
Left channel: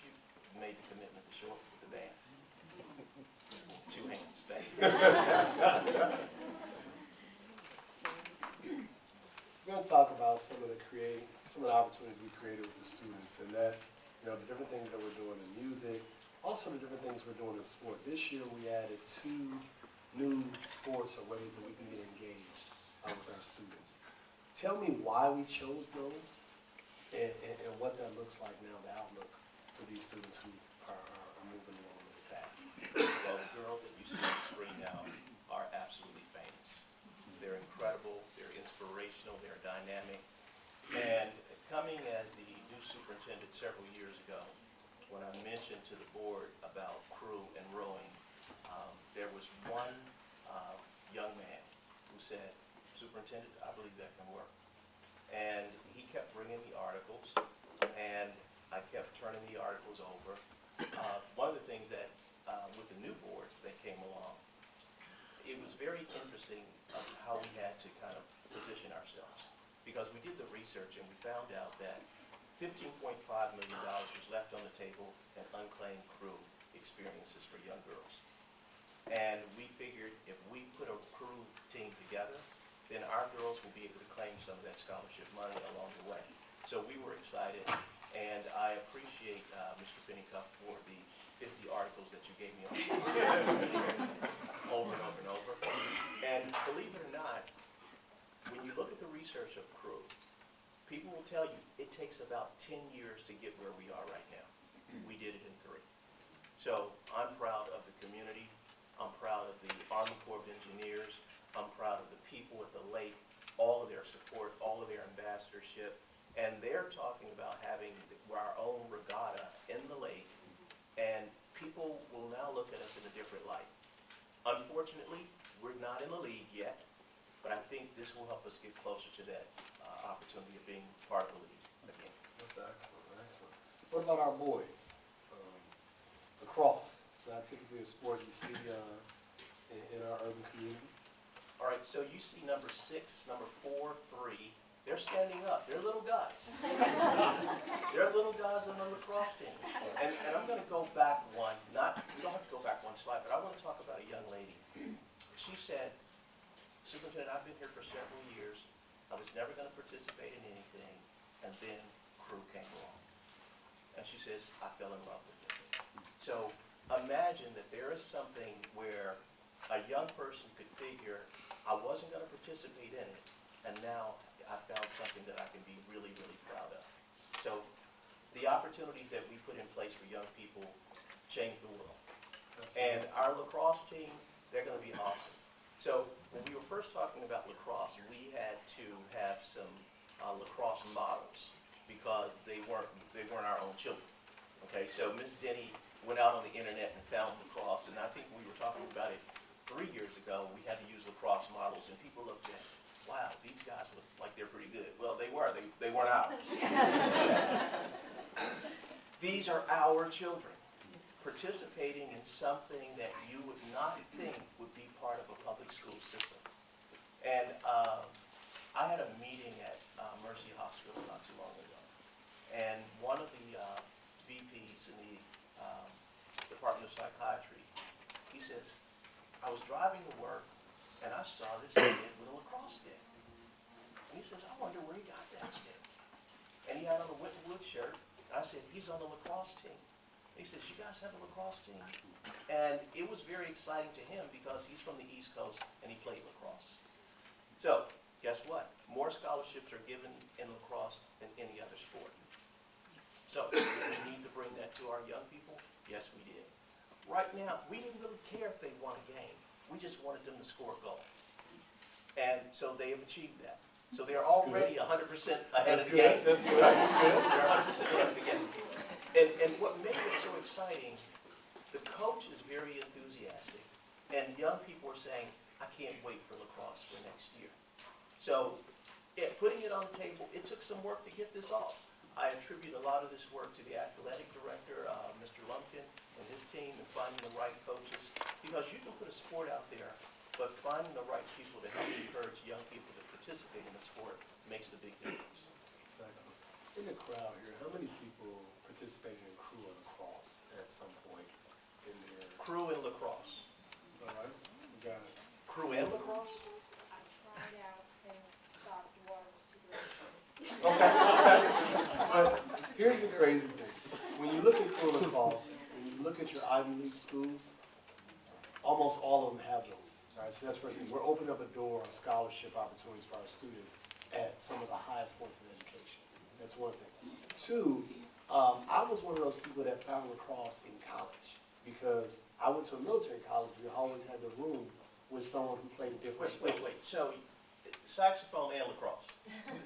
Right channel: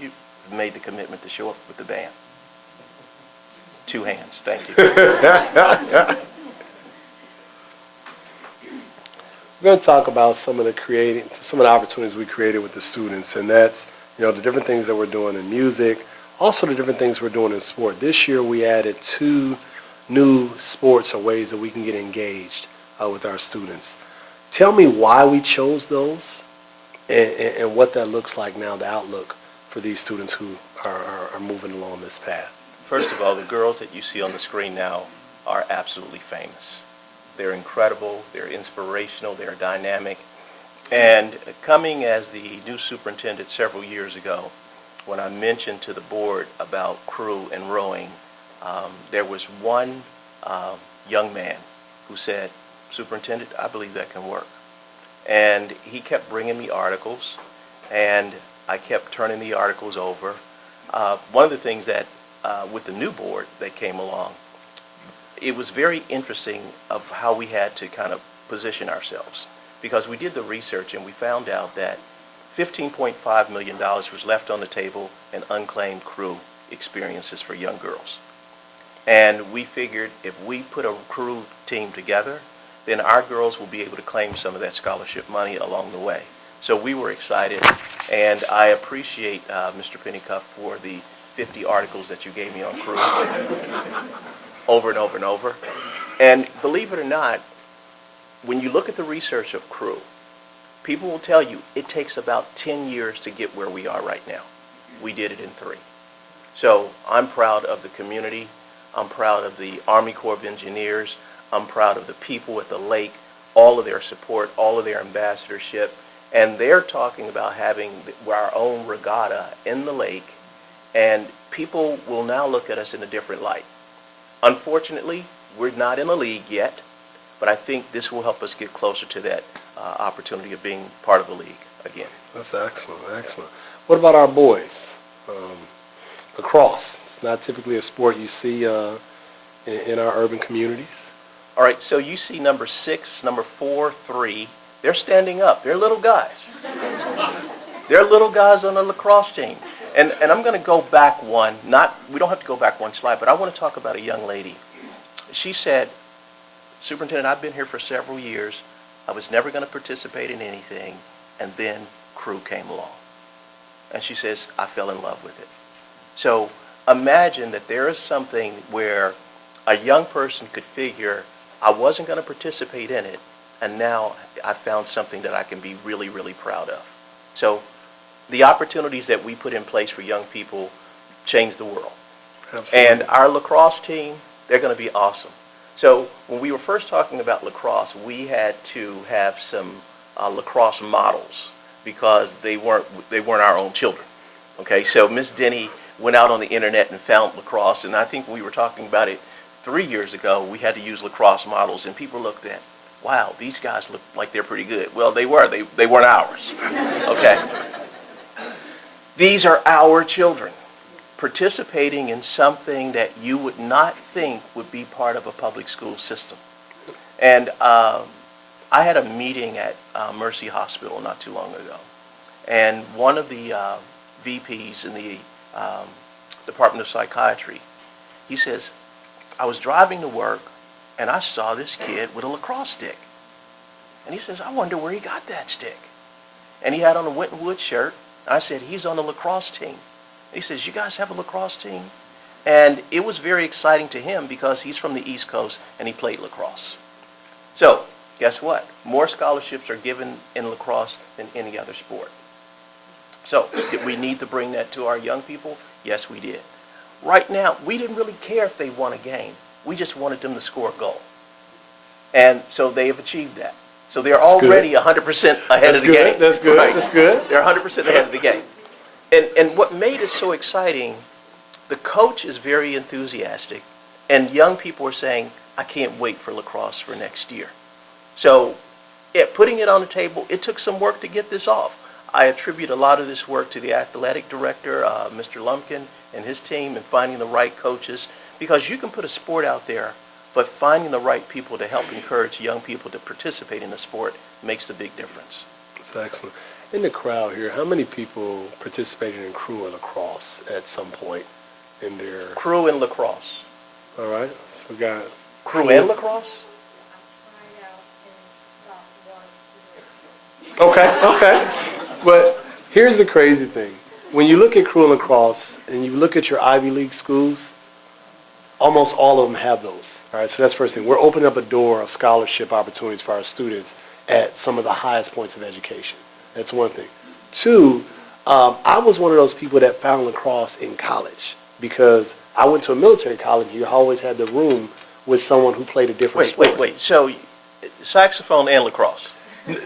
you made the commitment to show up with the band. 2 hands, thank you. We're going to talk about some of the opportunities we created with the students, and that's, the different things that we're doing in music, also the different things we're doing in sport. This year we added 2 new sports or ways that we can get engaged with our students. Tell me why we chose those and what that looks like now, the outlook for these students who are moving along this path. First of all, the girls that you see on the screen now are absolutely famous. They're incredible, they're inspirational, they're dynamic. And coming as the new superintendent several years ago, when I mentioned to the board about crew and rowing, there was one young man who said, "Superintendent, I believe that can work." And he kept bringing me articles, and I kept turning the articles over. One of the things that, with the new board that came along, it was very interesting of how we had to kind of position ourselves, because we did the research and we found out that $15.5 million was left on the table in unclaimed crew experiences for young girls. And we figured if we put a crew team together, then our girls will be able to claim some of that scholarship money along the way. So we were excited, and I appreciate Mr. Pennycuff for the 50 articles that you gave me on crew over and over and over. And believe it or not, when you look at the research of crew, people will tell you it takes about 10 years to get where we are right now. We did it in 3. So I'm proud of the community. I'm proud of the Army Corps of Engineers. I'm proud of the people at the lake, all of their support, all of their ambassadorship. And they're talking about having our own regatta in the lake, and people will now look at us in a different light. Unfortunately, we're not in a league yet, but I think this will help us get closer to that opportunity of being part of the league again. That's excellent, excellent. What about our boys? Lacrosse. It's not typically a sport you see in our urban communities. All right, so you see number 6, number 4, 3. They're standing up. They're little guys. They're little guys on the lacrosse team. And I'm going to go back one. We don't have to go back one slide, but I want to talk about a young lady. She said, "Superintendent, I've been here for several years. I was never going to participate in anything, and then crew came along." And she says, "I fell in love with it." So imagine that there is something where a young person could figure, I wasn't going to participate in it, and now I found something that I can be really, really proud of. So the opportunities that we put in place for young people change the world. Absolutely. And our lacrosse team, they're going to be awesome. So when we were first talking about lacrosse, we had to have some lacrosse models because they weren't our own children. Okay, so Miss Denny went out on the internet and found lacrosse, and I think when we were talking about it 3 years ago, we had to use lacrosse models, and people looked at, wow, these guys look like they're pretty good. Well, they were. They weren't ours. Okay. These are our children participating in something that you would not think would be part of a public school system. And I had a meeting at Mercy Hospital not too long ago, and one of the VPs in the Department of Psychiatry, he says, "I was driving to work and I saw this kid with a lacrosse stick." And he says, "I wonder where he got that stick." And he had on a Winton Woods shirt. And I said, "He's on the lacrosse team." And he says, "You guys have a lacrosse team?" And it was very exciting to him because he's from the East Coast and he played lacrosse. So guess what? More scholarships are given in lacrosse than any other sport. So did we need to bring that to our young people? Yes, we did. Right now, we didn't really care if they won a game. We just wanted them to score a goal. And so they have achieved that. So they're already 100% ahead of the game. That's good. Right? That's good. They're 100% ahead of the game. And what made it so exciting, the coach is very enthusiastic, and young people are saying, "I can't wait for lacrosse for next year." So putting it on the table, it took some work to get this off. I attribute a lot of this work to the athletic director, Mr. Lumpkin, and his team, and finding the right coaches, because you can put a sport out there, but finding the right people to help encourage young people to participate in the sport makes the big difference. That's excellent. In the crowd here, how many people participated in crew or lacrosse at some point in their, Crew and lacrosse. all right? So we got Crew and lacrosse? Okay. But here's the crazy thing. When you look at crew and lacrosse and you look at your Ivy League schools, almost all of them have those. All right, so that's the first thing. We're opening up a door of scholarship opportunities for our students at some of the highest points of education. That's one thing. Two, I was one of those people that found lacrosse in college because I went to a military college. You always had the room with someone who played a different sport. Wait. So saxophone and lacrosse.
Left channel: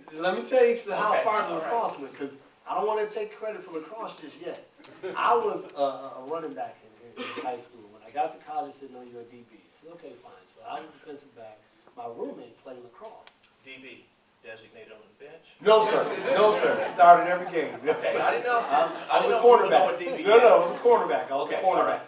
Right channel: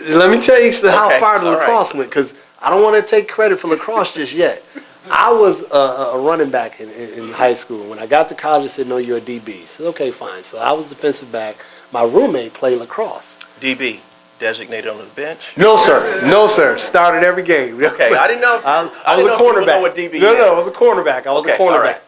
Let me tell you how Okay, far the all right. lacrosse went, because I don't want to take credit for lacrosse just yet. I was a running back in high school. When I got to college, they said, no, you're a DB. I said, okay, fine. So I was defensive back. My roommate played lacrosse. DB, designated on the bench. No, sir. No, sir. Started every game. Okay, I didn't know. I was a didn't know people cornerback. know what DB No, is. I was a cornerback. I was Okay, a cornerback. all right.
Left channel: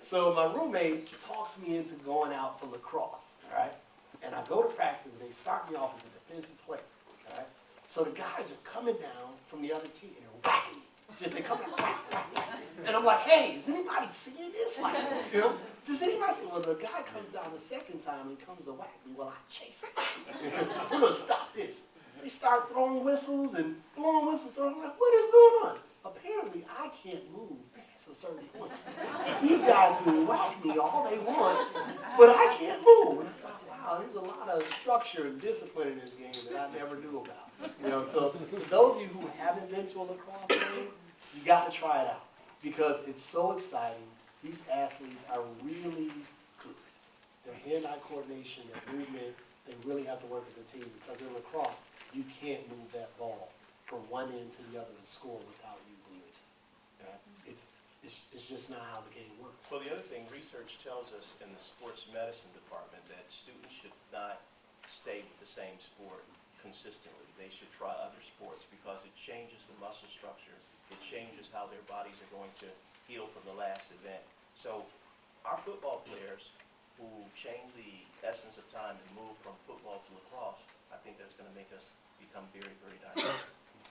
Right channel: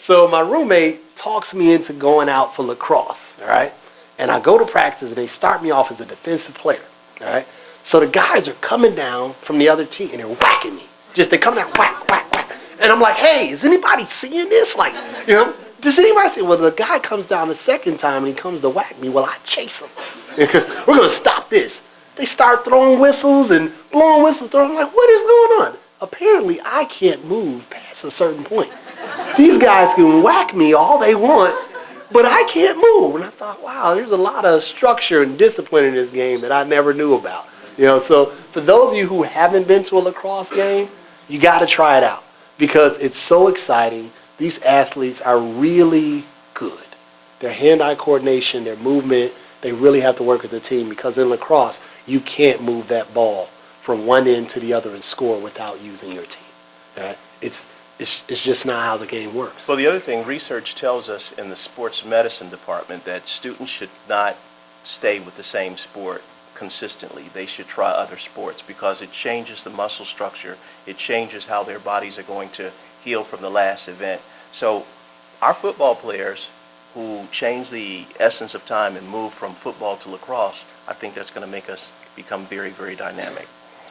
So my roommate talks me into going out for lacrosse, all right? And I go to practice, and they start me off as a defensive player, all right? So the guys are coming down from the other team, and they're whacking me. They come down, whack, whack, whack. And I'm like, hey, is anybody seeing this? Like, does anybody see? Well, the guy comes down the second time, and he comes to whack me. Well, I chase him because we're going to stop this. They start throwing whistles and blowing whistles. I'm like, what is going on? Apparently, I can't move past a certain point. These guys can whack me all they want, but I can't move. And I thought, wow, there's a lot of structure and discipline in this game that I never knew about. So for those of you who haven't been to a lacrosse game, you got to try it out because it's so exciting. These athletes are really good. Their hand-eye coordination, their movement, they really have to work as a team because in lacrosse, you can't move that ball from one end to the other and score without using your team. All right? It's just not how the game works. Well, the other thing, research tells us in the sports medicine department that students should not stay with the same sport consistently. They should try other sports because it changes the muscle structure. It changes how their bodies are going to heal from the last event. So our football players who change the essence of time and move from football to lacrosse, I think that's going to make us become very, very dynamic.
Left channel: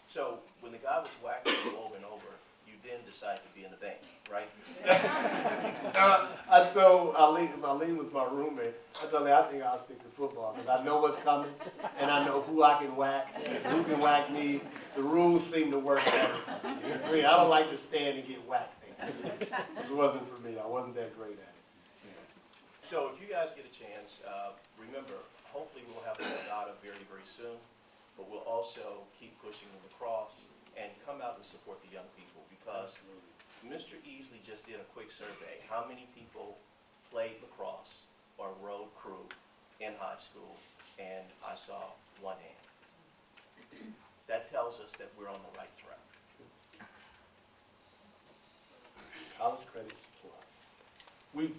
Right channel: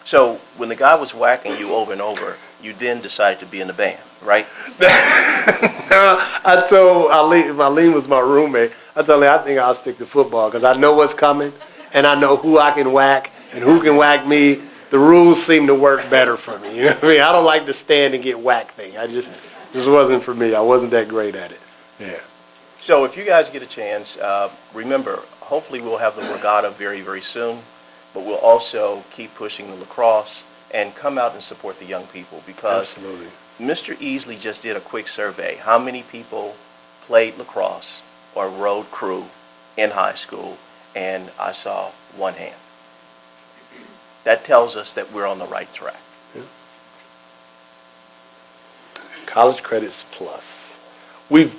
So when the guy was whacking you over and over, you then decided to be in the band, right? I told Eileen was my roommate. I told her I think I'll stick to football because I know what's coming and I know who I can whack and who can whack me. The rules seem to work better for me. You know what I mean? I don't like the stand and get whacked thing. This wasn't for me. I wasn't that great at it. Yeah. So if you guys get a chance, remember, hopefully we'll have the regatta very, very soon, but we'll also keep pushing the lacrosse and come out and support the young people because Absolutely. Mr. Easley just did a quick survey. How many people played lacrosse or rode crew in high school? And I saw one hand. That tells us that we're on the right track. Yeah. College credits plus. We've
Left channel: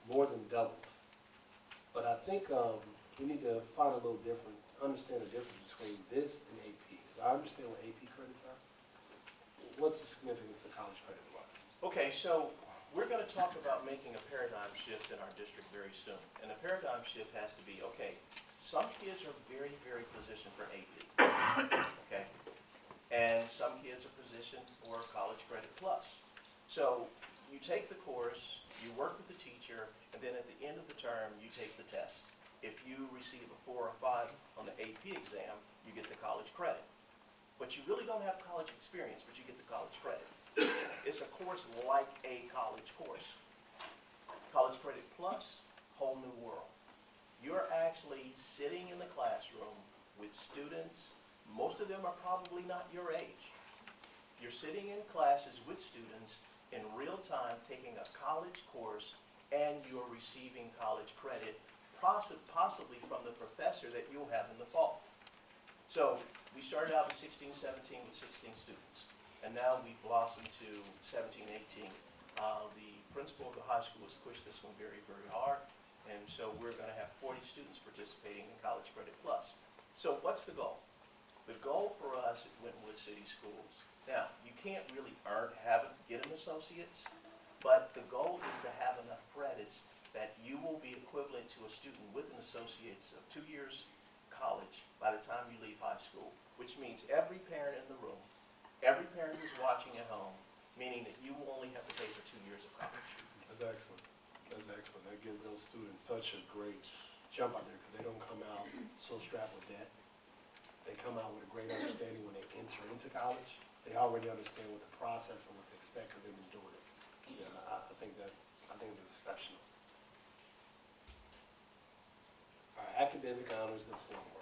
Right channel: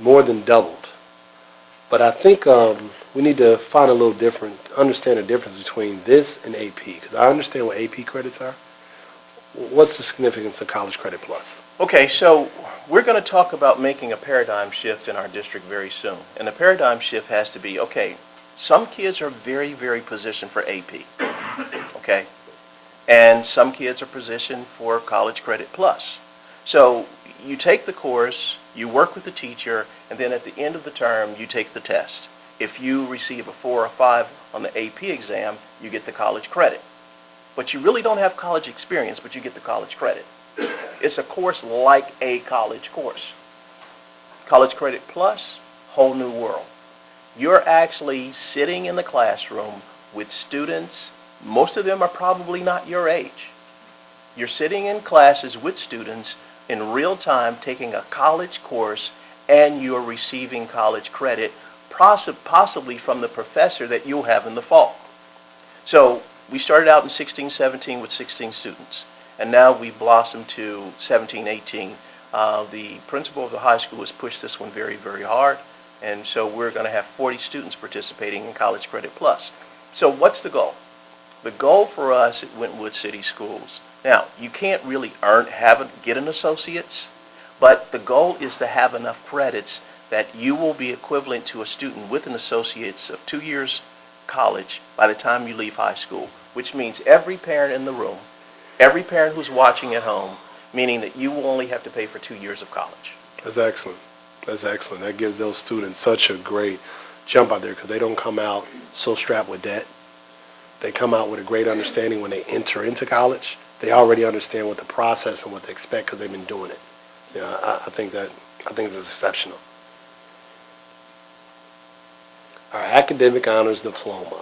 more than doubled. But I think we need to find a little different, understand the difference between this and AP, because I understand what AP credits are. What's the significance of College Credit Plus? Okay, so we're going to talk about making a paradigm shift in our district very soon. And the paradigm shift has to be, okay, some kids are very, very positioned for AP, okay? And some kids are positioned for College Credit Plus. So you take the course, you work with the teacher, and then at the end of the term, you take the test. If you receive a 4 or 5 on the AP exam, you get the college credit. But you really don't have college experience, but you get the college credit. It's a course like a college course. College Credit Plus, whole new world. You're actually sitting in the classroom with students, most of them are probably not your age. You're sitting in classes with students in real time taking a college course and you're receiving college credit, possibly from the professor that you'll have in the fall. So we started out in 16, 17 with 16 students, and now we've blossomed to 17, 18. The principal of the high school has pushed this one very, very hard, and so we're going to have 40 students participating in College Credit Plus. So what's the goal? The goal for us at Winton City Schools, now you can't really get an associate's, but the goal is to have enough credits that you will be equivalent to a student with an associate's of 2 years college by the time you leave high school. which means every parent in the room, every parent who's watching at home, meaning that you will only have to pay for 2 years of college. That's excellent. That's excellent. That gives those students such a great jump out there because they don't come out so strapped with debt. They come out with a great understanding when they enter into college. They already understand what the process and what they expect because they've been doing it. Yeah, I think it's exceptional. Our academic honors diploma.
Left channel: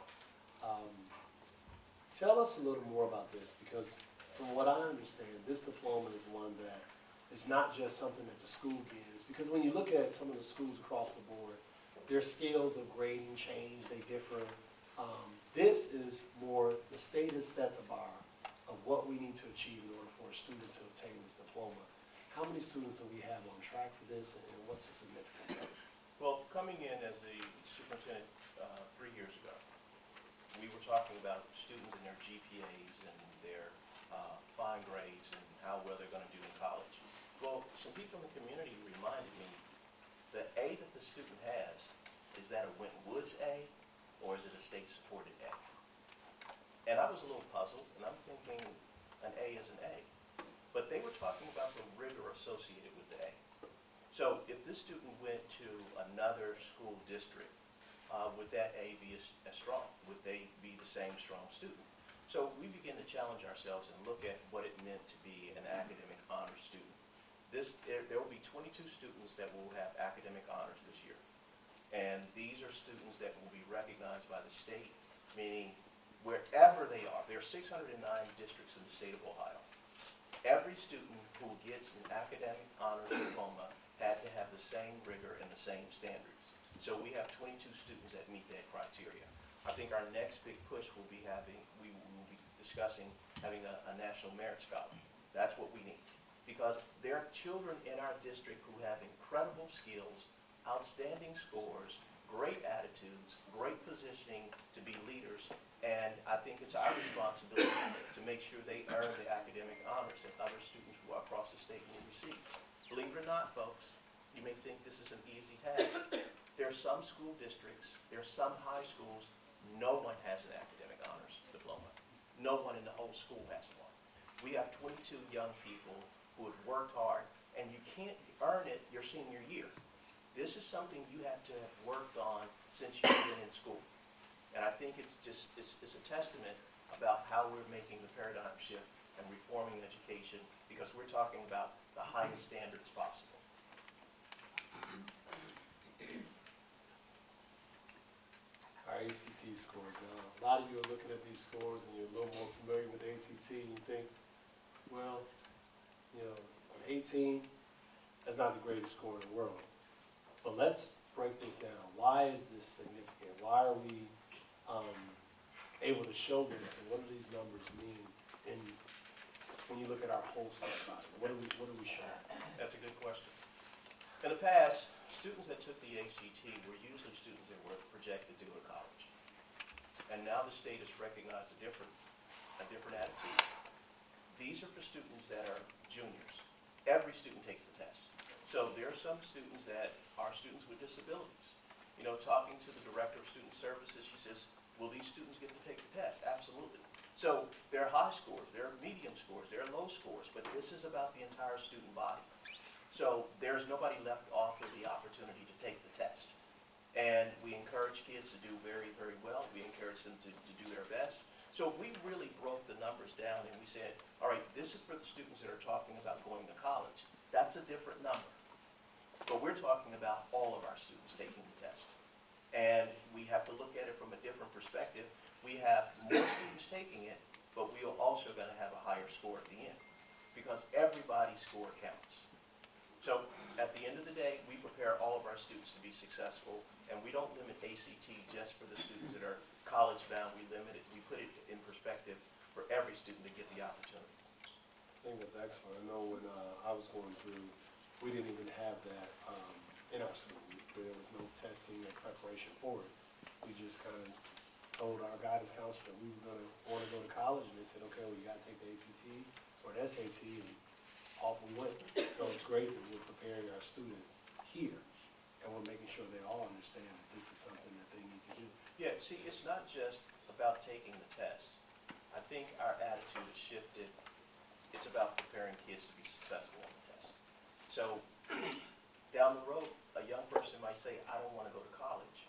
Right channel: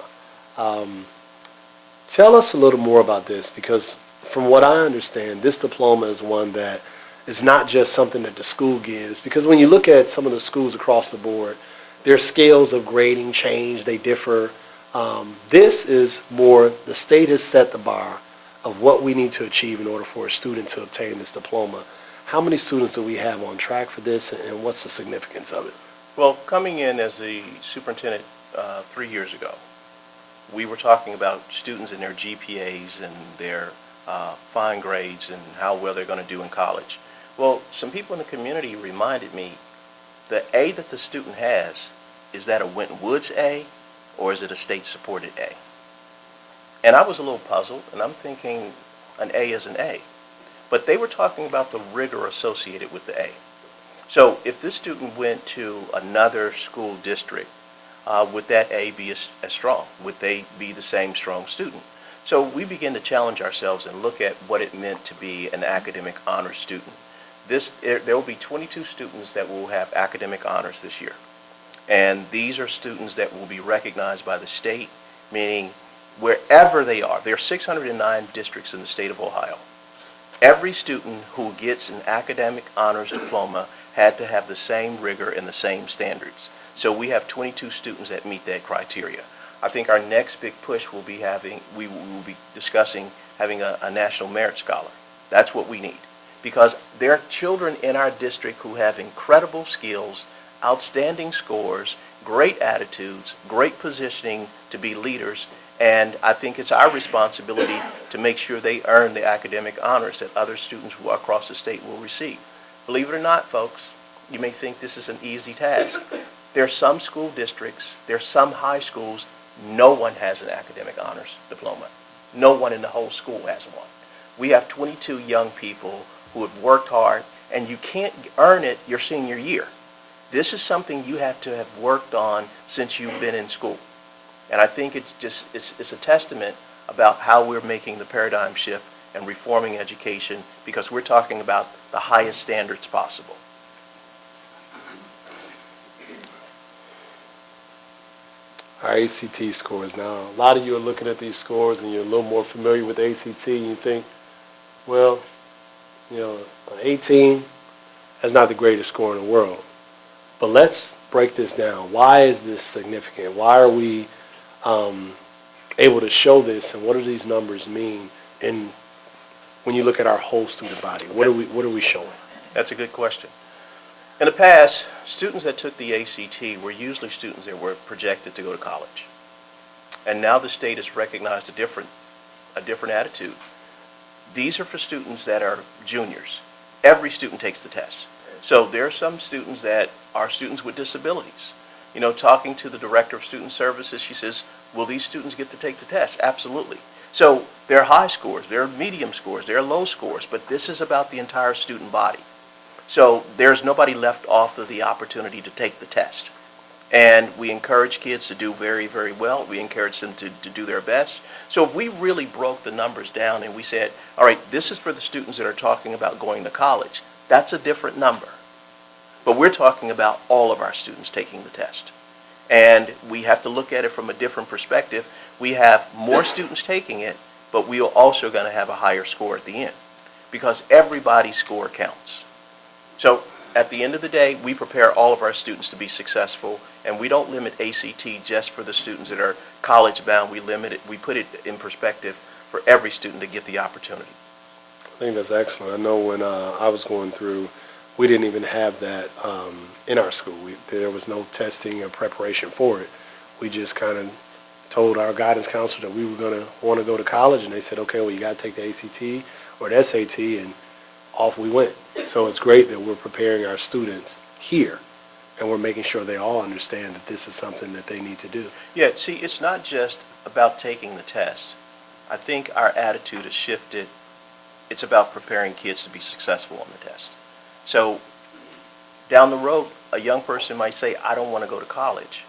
Tell us a little more about this because from what I understand, this diploma is one that is not just something that the school gives because when you look at some of the schools across the board, their scales of grading change, they differ. This is more, the state has set the bar of what we need to achieve in order for a student to obtain this diploma. How many students do we have on track for this and what's the significance of it? Well, coming in as the superintendent 3 years ago, we were talking about students and their GPAs and their fine grades and how well they're going to do in college. Well, some people in the community reminded me the A that the student has, is that a Winton Woods A or is it a state-supported A? And I was a little puzzled, and I'm thinking an A is an A. But they were talking about the rigor associated with the A. So if this student went to another school district, would that A be as strong? Would they be the same strong student? So we began to challenge ourselves and look at what it meant to be an academic honors student. There will be 22 students that will have academic honors this year. And these are students that will be recognized by the state, meaning wherever they are. There are 609 districts in the state of Ohio. Every student who gets an academic honors diploma had to have the same rigor and the same standards. So we have 22 students that meet that criteria. I think our next big push will be we will be discussing having a National Merit Scholar. That's what we need. Because there are children in our district who have incredible skills, outstanding scores, great attitudes, great positioning to be leaders, and I think it's our responsibility to make sure they earn the academic honors that other students across the state will receive. Believe it or not, folks, you may think this is an easy task. There are some school districts, there are some high schools, no one has an academic honors diploma. No one in the whole school has one. We have 22 young people who have worked hard, and you can't earn it your senior year. This is something you have to have worked on since you've been in school. And I think it's a testament about how we're making the paradigm shift and reforming education because we're talking about the highest standards possible. Our ACT scores now. A lot of you are looking at these scores and you're a little more familiar with ACT and you think, well, you know, 18, that's not the greatest score in the world. But let's break this down. Why is this significant? Why are we able to show this and what do these numbers mean when you look at our whole student body? What are we showing? That's a good question. In the past, students that took the ACT were usually students that were projected to go to college. And now the state has recognized a different attitude. These are for students that are juniors. Every student takes the test. So there are some students that are students with disabilities. You know, talking to the director of student services, she says, will these students get to take the test? Absolutely. So there are high scores, there are medium scores, there are low scores, but this is about the entire student body. So there's nobody left off of the opportunity to take the test. And we encourage kids to do very, very well. We encourage them to do their best. So if we really broke the numbers down and we said, all right, this is for the students that are talking about going to college, that's a different number. But we're talking about all of our students taking the test. And we have to look at it from a different perspective. We have more students taking it, but we are also going to have a higher score at the end because everybody's score counts. So at the end of the day, we prepare all of our students to be successful, and we don't limit ACT just for the students that are college bound. We limit it, we put it in perspective for every student to get the opportunity. I think that's excellent. I know when I was going through, we didn't even have that in our school. There was no testing or preparation for it. We just kind of told our guidance counselor that we were going to want to go to college, and they said, okay, well, you got to take the ACT or the SAT, and off we went. So it's great that we're preparing our students here, and we're making sure they all understand that this is something that they need to do. Yeah, see, it's not just about taking the test. I think our attitude has shifted. It's about preparing kids to be successful on the test. So down the road, a young person might say, I don't want to go to college.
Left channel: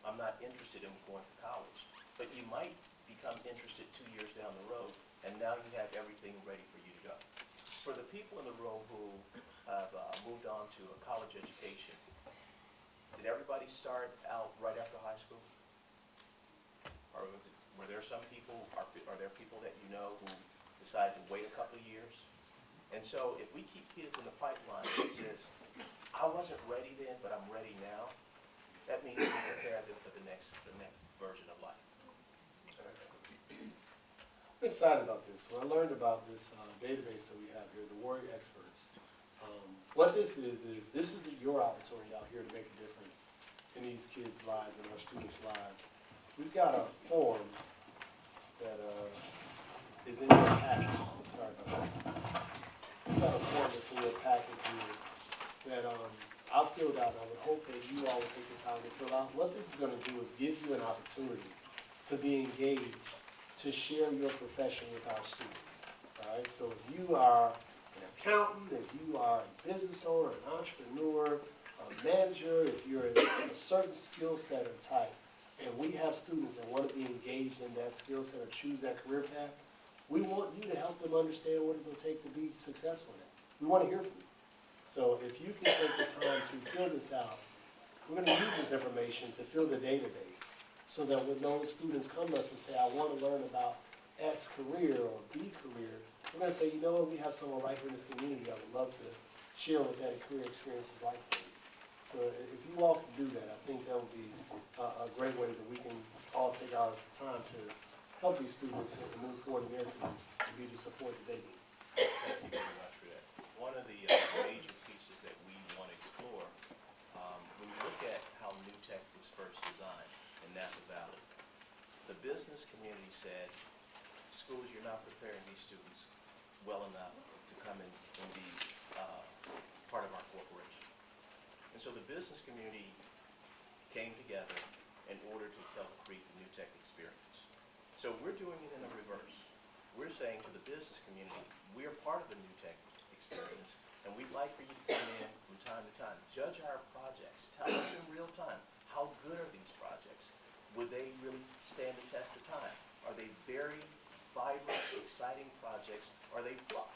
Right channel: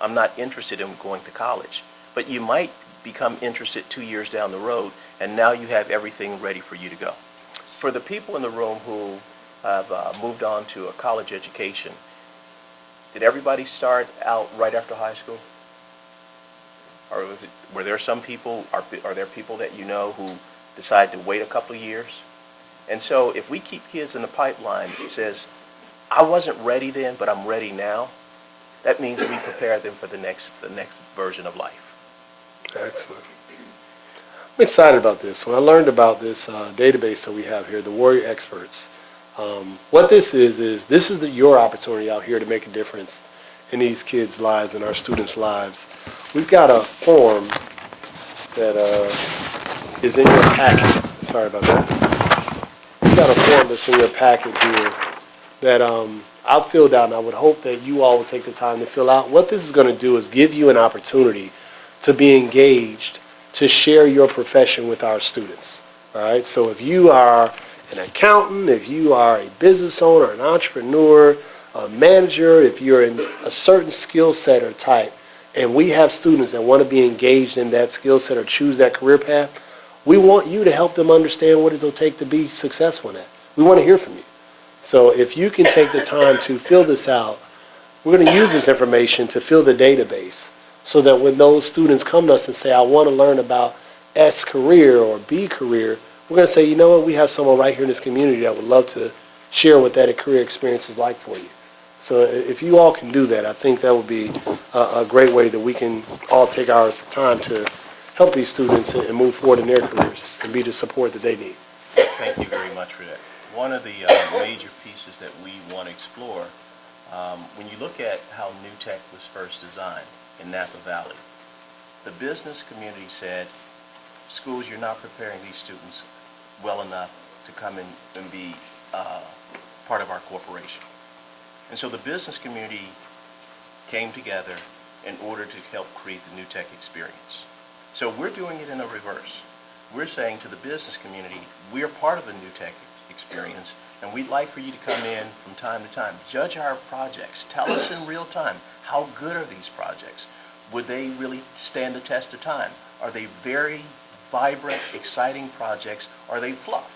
I'm not interested in going to college. But you might become interested 2 years down the road, and now you have everything ready for you to go. For the people in the room who have moved on to a college education, did everybody start out right after high school? Or were there some people, are there people that you know who decide to wait a couple of years? And so if we keep kids in the pipeline that says, I wasn't ready then, but I'm ready now, that means we prepare them for the next version of life. Excellent. I'm excited about this. When I learned about this database that we have here, the Warrior Experts, what this is this is your opportunity out here to make a difference in these kids' lives and our students' lives. We've got a form that is in your packet. Sorry about that. We've got a form that's in your packet here that I've filled out, and I would hope that you all will take the time to fill out. What this is going to do is give you an opportunity to be engaged, to share your profession with our students. All right? So if you are an accountant, if you are a business owner, an entrepreneur, a manager, if you're in a certain skill set or type, and we have students that want to be engaged in that skill set or choose that career path, we want you to help them understand what it'll take to be successful in that. We want to hear from you. So if you can take the time to fill this out, we're going to use this information to fill the database so that when those students come to us and say, I want to learn about S career or B career, we're going to say, you know what, we have someone right here in this community that would love to share what that career experience is like for you. So if you all can do that, I think that would be a great way that we can all take our time to help these students and move forward in their careers and be the support that they need. Thank you very much for that. One of the major pieces that we want to explore, when you look at how New Tech was first designed in Napa Valley, the business community said, schools, you're not preparing these students well enough to come in and be part of our corporation. And so the business community came together in order to help create the New Tech experience. So we're doing it in a reverse. We're saying to the business community, we're part of the New Tech experience, and we'd like for you to come in from time to time, judge our projects, tell us in real time, how good are these projects? Would they really stand the test of time? Are they very vibrant, exciting projects? Are they fluff?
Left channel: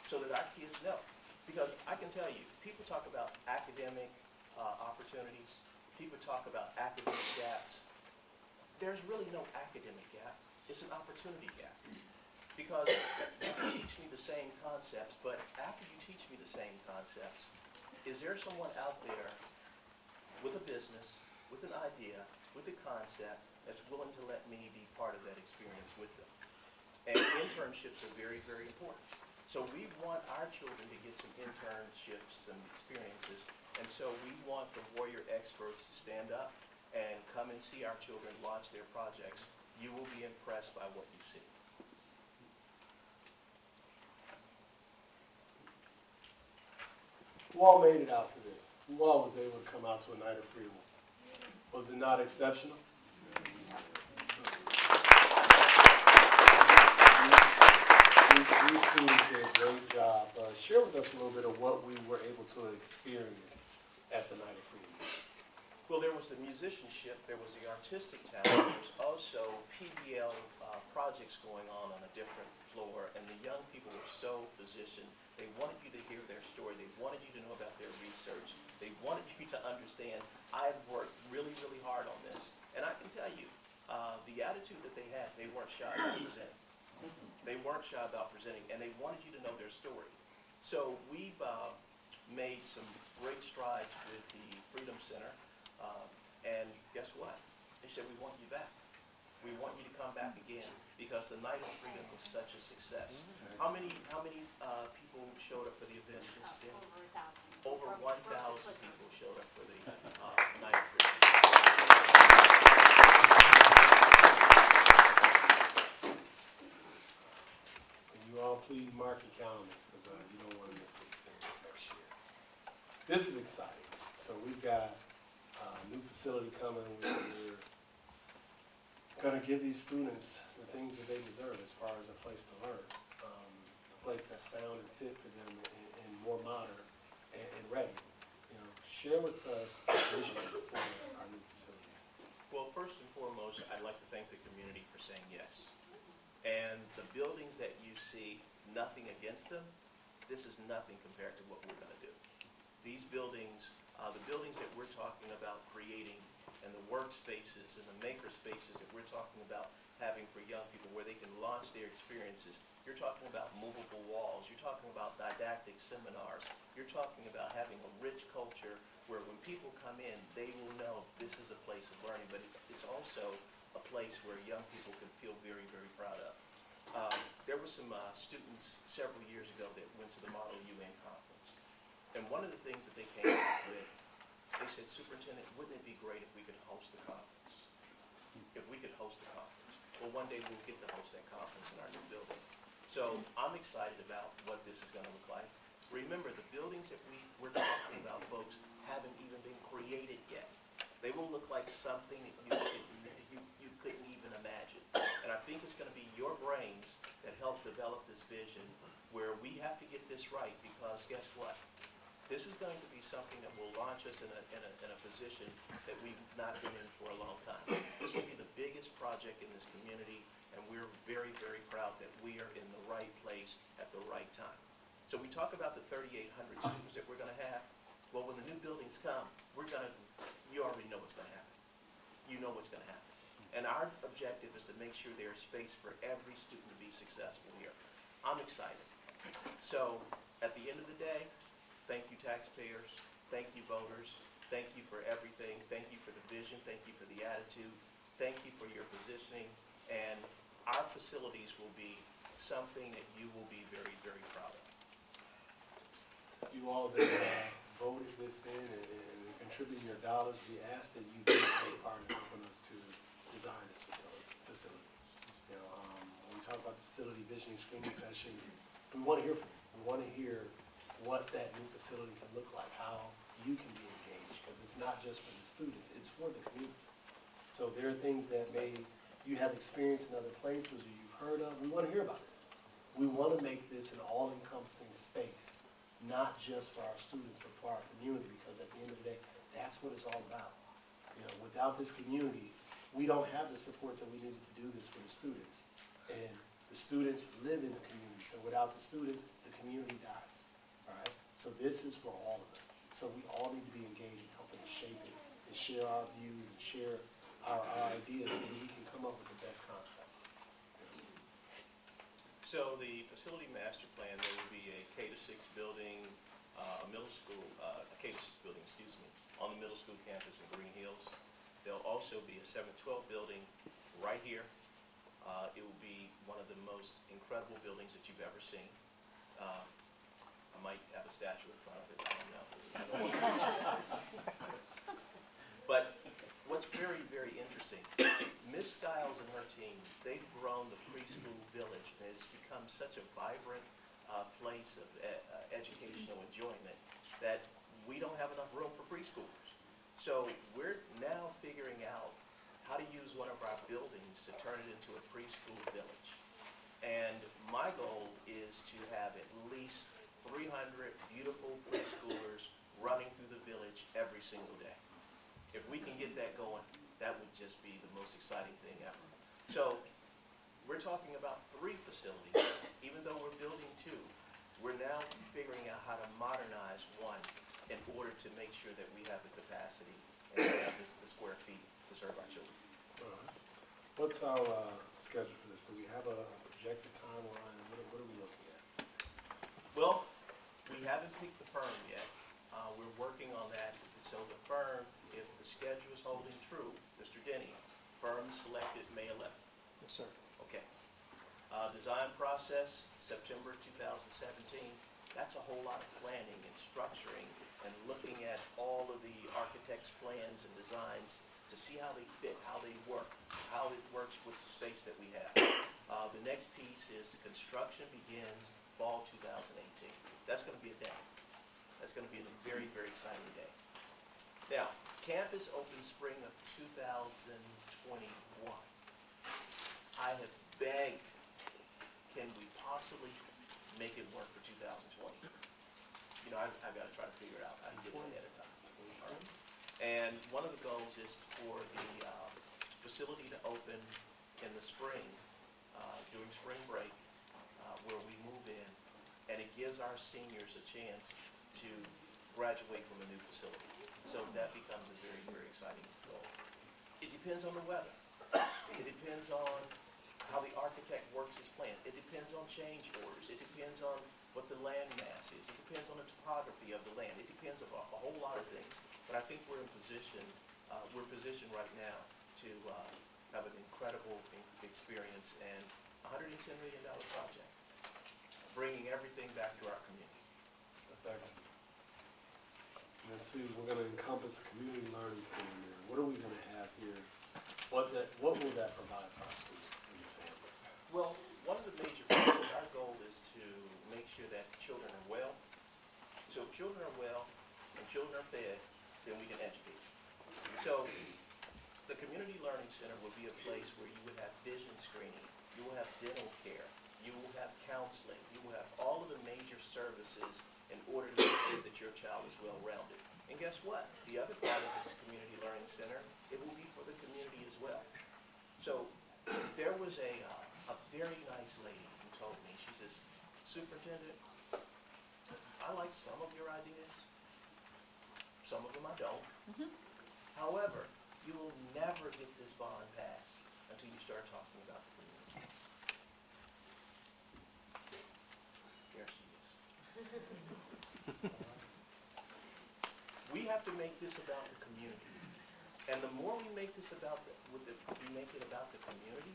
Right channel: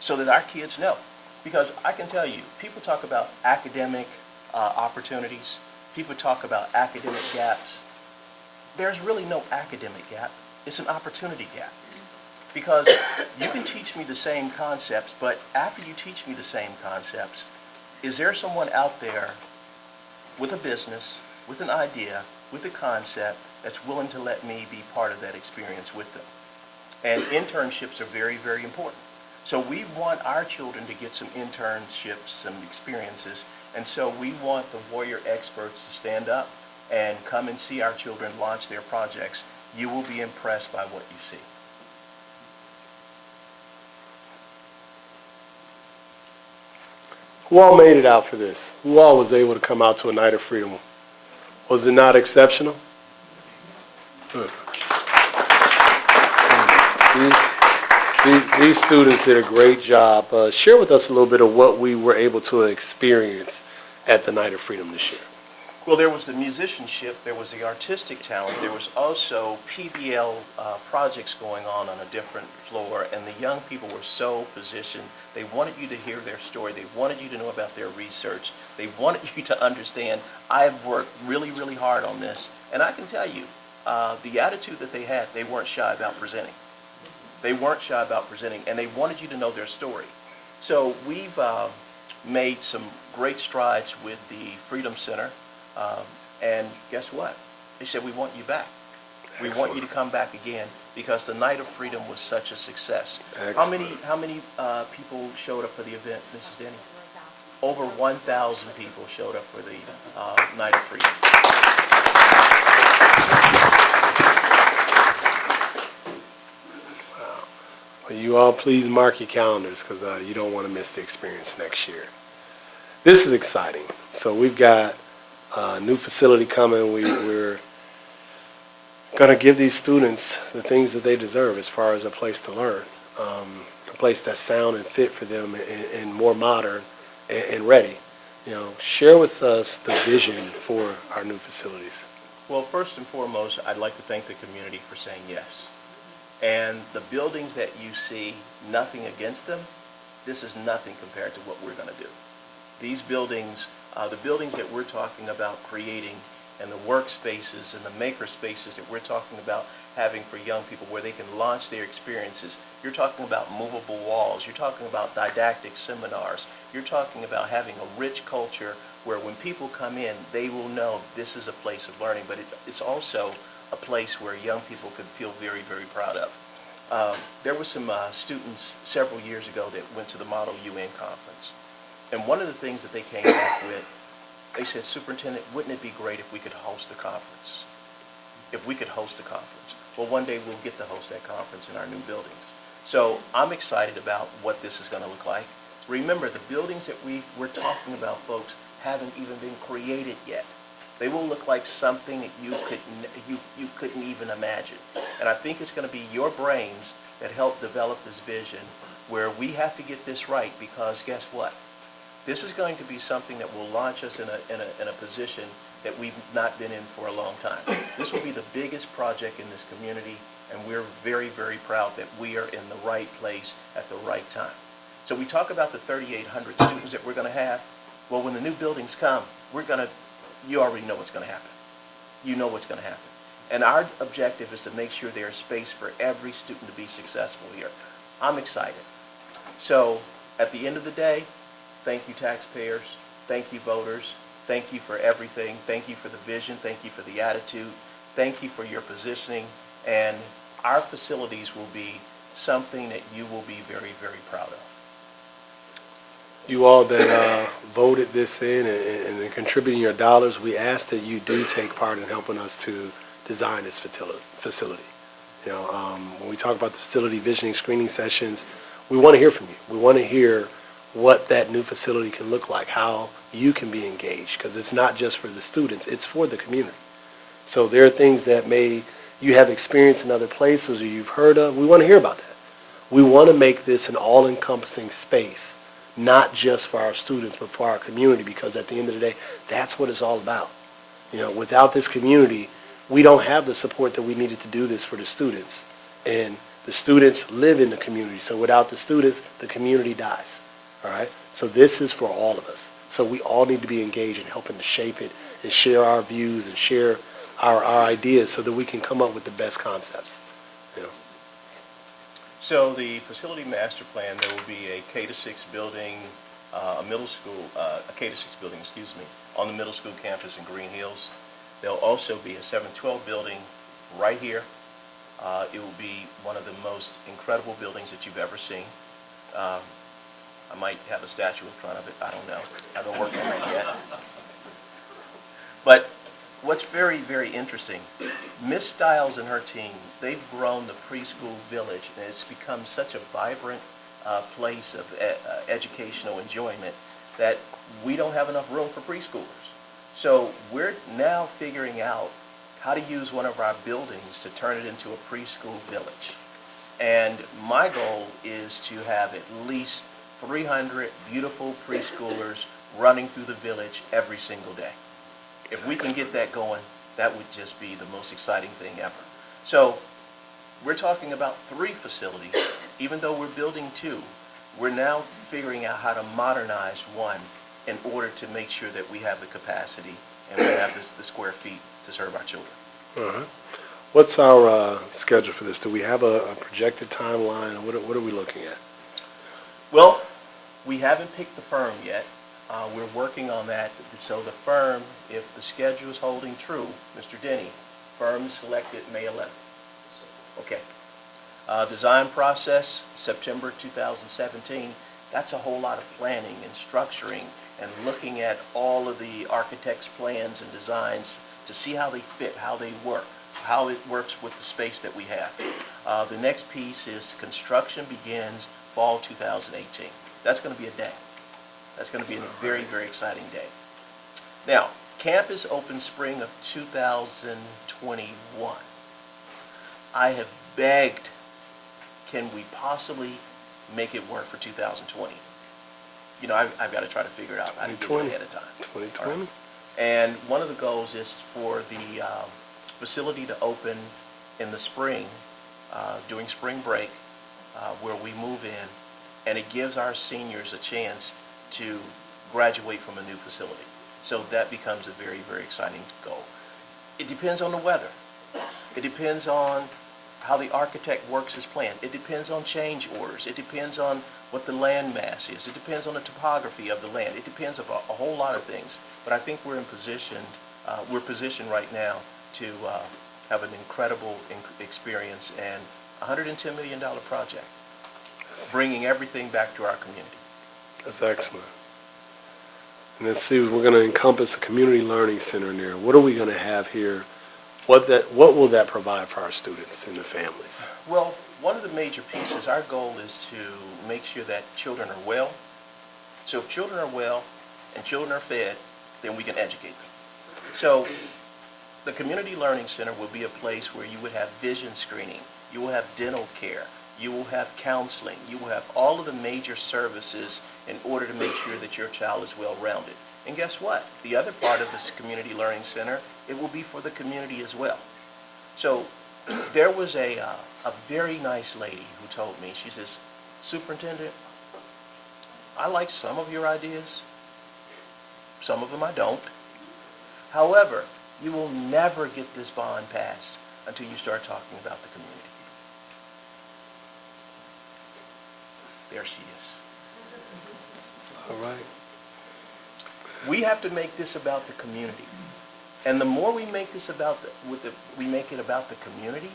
So that our kids know. Because I can tell you, people talk about academic opportunities, people talk about academic gaps. There's really no academic gap. It's an opportunity gap. Because you can teach me the same concepts, but after you teach me the same concepts, is there someone out there with a business, with an idea, with a concept that's willing to let me be part of that experience with them? And internships are very, very important. So we want our children to get some internships, some experiences, and so we want the Warrior Experts to stand up and come and see our children launch their projects. You will be impressed by what you see. Who all made it out for this? Who all was able to come out to a night of freedom? Was it not exceptional? Good. These students did a great job. Share with us a little bit of what we were able to experience at the Night of Freedom this year. Well, there was the musicianship, there was the artistic talent, there was also PBL projects going on a different floor, and the young people were so positioned. They wanted you to hear their story. They wanted you to know about their research. They wanted you to understand, I've worked really, really hard on this. And I can tell you, the attitude that they had, they weren't shy about presenting. They weren't shy about presenting, and they wanted you to know their story. So we've made some great strides with the Freedom Center. And guess what? They said, we want you back. We want you to come back again because the Night of Freedom was such a success. Excellent. How many people showed up for the event, Mrs. Denny? Over 1,000 people showed up for the Night of Freedom. Well, you all please mark your calendars because you don't want to miss the experience next year. This is exciting. So we've got a new facility coming. We're going to give these students the things that they deserve as far as a place to learn, a place that's sound and fit for them and more modern and ready. Share with us the vision for our new facilities. Well, first and foremost, I'd like to thank the community for saying yes. And the buildings that you see, nothing against them, this is nothing compared to what we're going to do. These buildings, the buildings that we're talking about creating and the workspaces and the maker spaces that we're talking about having for young people where they can launch their experiences. You're talking about movable walls. You're talking about didactic seminars. You're talking about having a rich culture where when people come in, they will know this is a place of learning, but it's also a place where young people could feel very, very proud of. There were some students several years ago that went to the Model UN conference. And one of the things that they came back with, they said, Superintendent, wouldn't it be great if we could host a conference? If we could host a conference. Well, one day we'll get to host that conference in our new buildings. So I'm excited about what this is going to look like. Remember, the buildings that we're talking about, folks, haven't even been created yet. They will look like something that you couldn't even imagine. And I think it's going to be your brains that help develop this vision where we have to get this right, because guess what? This is going to be something that will launch us in a position that we've not been in for a long time. This will be the biggest project in this community, and we're very, very proud that we are in the right place at the right time. So we talk about the 3,800 students that we're going to have. Well, when the new buildings come, you already know what's going to happen. You know what's going to happen. And our objective is to make sure there's space for every student to be successful here. I'm excited. So at the end of the day, thank you, taxpayers. Thank you, voters. Thank you for everything. Thank you for the vision. Thank you for the attitude. Thank you for your positioning. And our facilities will be something that you will be very, very proud of. You all that voted this in and contributing your dollars, we ask that you do take part in helping us to design this facility. When we talk about the facility visioning screening sessions, we want to hear from you. We want to hear what that new facility can look like, how you can be engaged, because it's not just for the students, it's for the community. So there are things that you have experienced in other places or you've heard of. We want to hear about that. We want to make this an all-encompassing space, not just for our students, but for our community, because at the end of the day, that's what it's all about. Without this community, we don't have the support that we needed to do this for the students. And the students live in the community. So without the students, the community dies. All right? So this is for all of us. So we all need to be engaged in helping to shape it and share our views and share our ideas so that we can come up with the best concepts. So the facility master plan, there will be a K-6 building, a middle school, a K-6 building, on the middle school campus in Green Hills. There'll also be a 712 building right here. It will be one of the most incredible buildings that you've ever seen. I might have a statue in front of it. I don't know. I haven't worked on that yet. But what's very, very interesting, Miss Stiles and her team, they've grown the preschool village, and it's become such a vibrant place of educational enjoyment that we don't have enough room for preschoolers. So we're now figuring out how to use one of our buildings to turn it into a preschool village. And my goal is to have at least 300 beautiful preschoolers running through the village every single day. If we can get that going, that would just be the most exciting thing ever. So we're talking about 3 facilities. Even though we're building 2, we're now figuring out how to modernize one in order to make sure that we have the capacity and we have the square feet to serve our children. Uh-huh. What's our schedule for this? Do we have a projected timeline? What are we looking at? Well, we haven't picked the firm yet. We're working on that. So the firm, if the schedule is holding true, Mr. Denny, firm is selected May 11th. So, okay. Design process, September 2017. That's a whole lot of planning and structuring and looking at all of the architect's plans and designs to see how they fit, how they work, how it works with the space that we have. The next piece is construction begins fall 2018. That's going to be a day. That's going to be a very, very exciting day. Now, campus opens spring of 2021. I have begged, can we possibly make it work for 2020? You know, I've got to try to figure it out. I didn't do it ahead of time. 2020. All right. And one of the goals is for the facility to open in the spring, during spring break, where we move in, and it gives our seniors a chance to graduate from a new facility. So that becomes a very, very exciting goal. It depends on the weather. It depends on how the architect works his plan. It depends on change orders. It depends on what the land mass is. It depends on the topography of the land. It depends on a whole lot of things. But I think we're positioned right now to have an incredible experience and $110 million project, bringing everything back to our community. That's excellent. And let's see, we're going to encompass a community learning center in there. What are we going to have here? What will that provide for our students and the families? Well, one of the major pieces, our goal is to make sure that children are well. So if children are well and children are fed, then we can educate them. So the Community Learning Center will be a place where you would have vision screening, you will have dental care, you will have counseling, you will have all of the major services in order to make sure that your child is well-rounded. And guess what? The other part of this Community Learning Center, it will be for the community as well. So there was a very nice lady who told me, she says, "Superintendent, I like some of your ideas. Some of them I don't. However, you will never get this bond passed until you start talking about the community." There she is. All right. We have to make this about the community. And the more we make this about we make it about the community,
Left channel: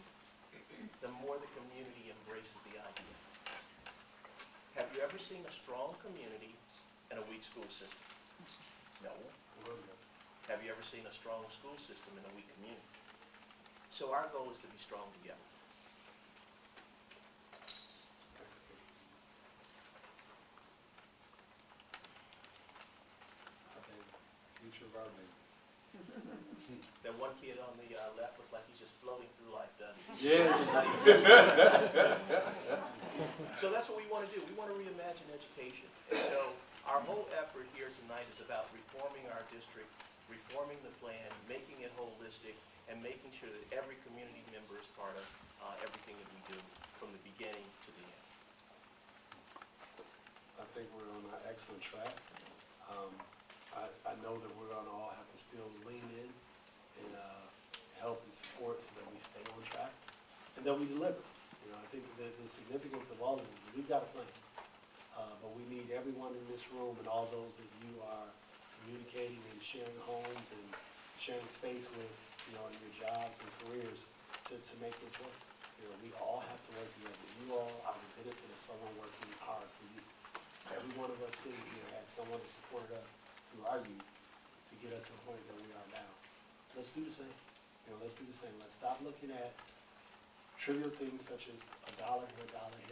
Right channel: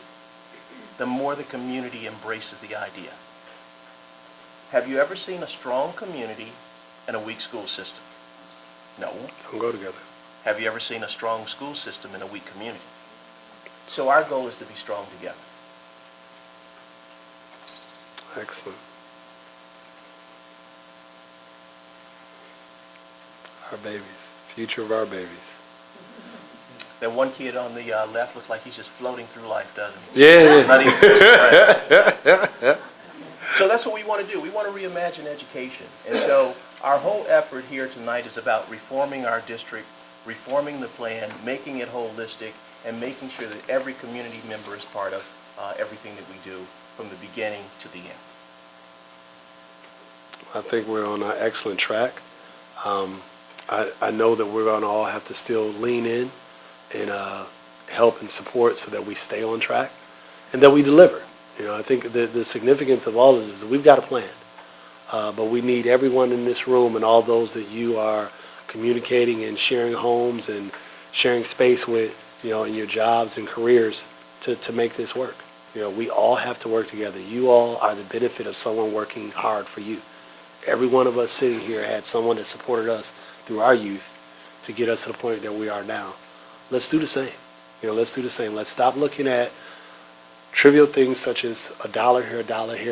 the more the community embraces the idea. Have you ever seen a strong community and a weak school system? No. Don't go together. Have you ever seen a strong school system and a weak community? So our goal is to be strong together. Excellent. Our babies, future of our babies. That one kid on the left looks like he's just floating through life, doesn't he? Yeah. Not even touching the So that's what we want to do. We want to reimagine education. And so our whole effort here tonight is about reforming our district, reforming the plan, making it holistic, and making sure that every community member is part of everything that we do from the beginning to the end. I think we're on an excellent track. I know that we're going to all have to still lean in and help and support so that we stay on track and that we deliver. You know, I think the significance of all of this is we've got a plan, but we need everyone in this room and all those that you are communicating and sharing homes and sharing space with, you know, in your jobs and careers to make this work. You know, we all have to work together. You all are the benefit of someone working hard for you. Every one of us sitting here had someone that supported us through our youth to get us to the point that we are now. Let's do the same. You know, let's do the same. Let's stop looking at trivial things such as a dollar here,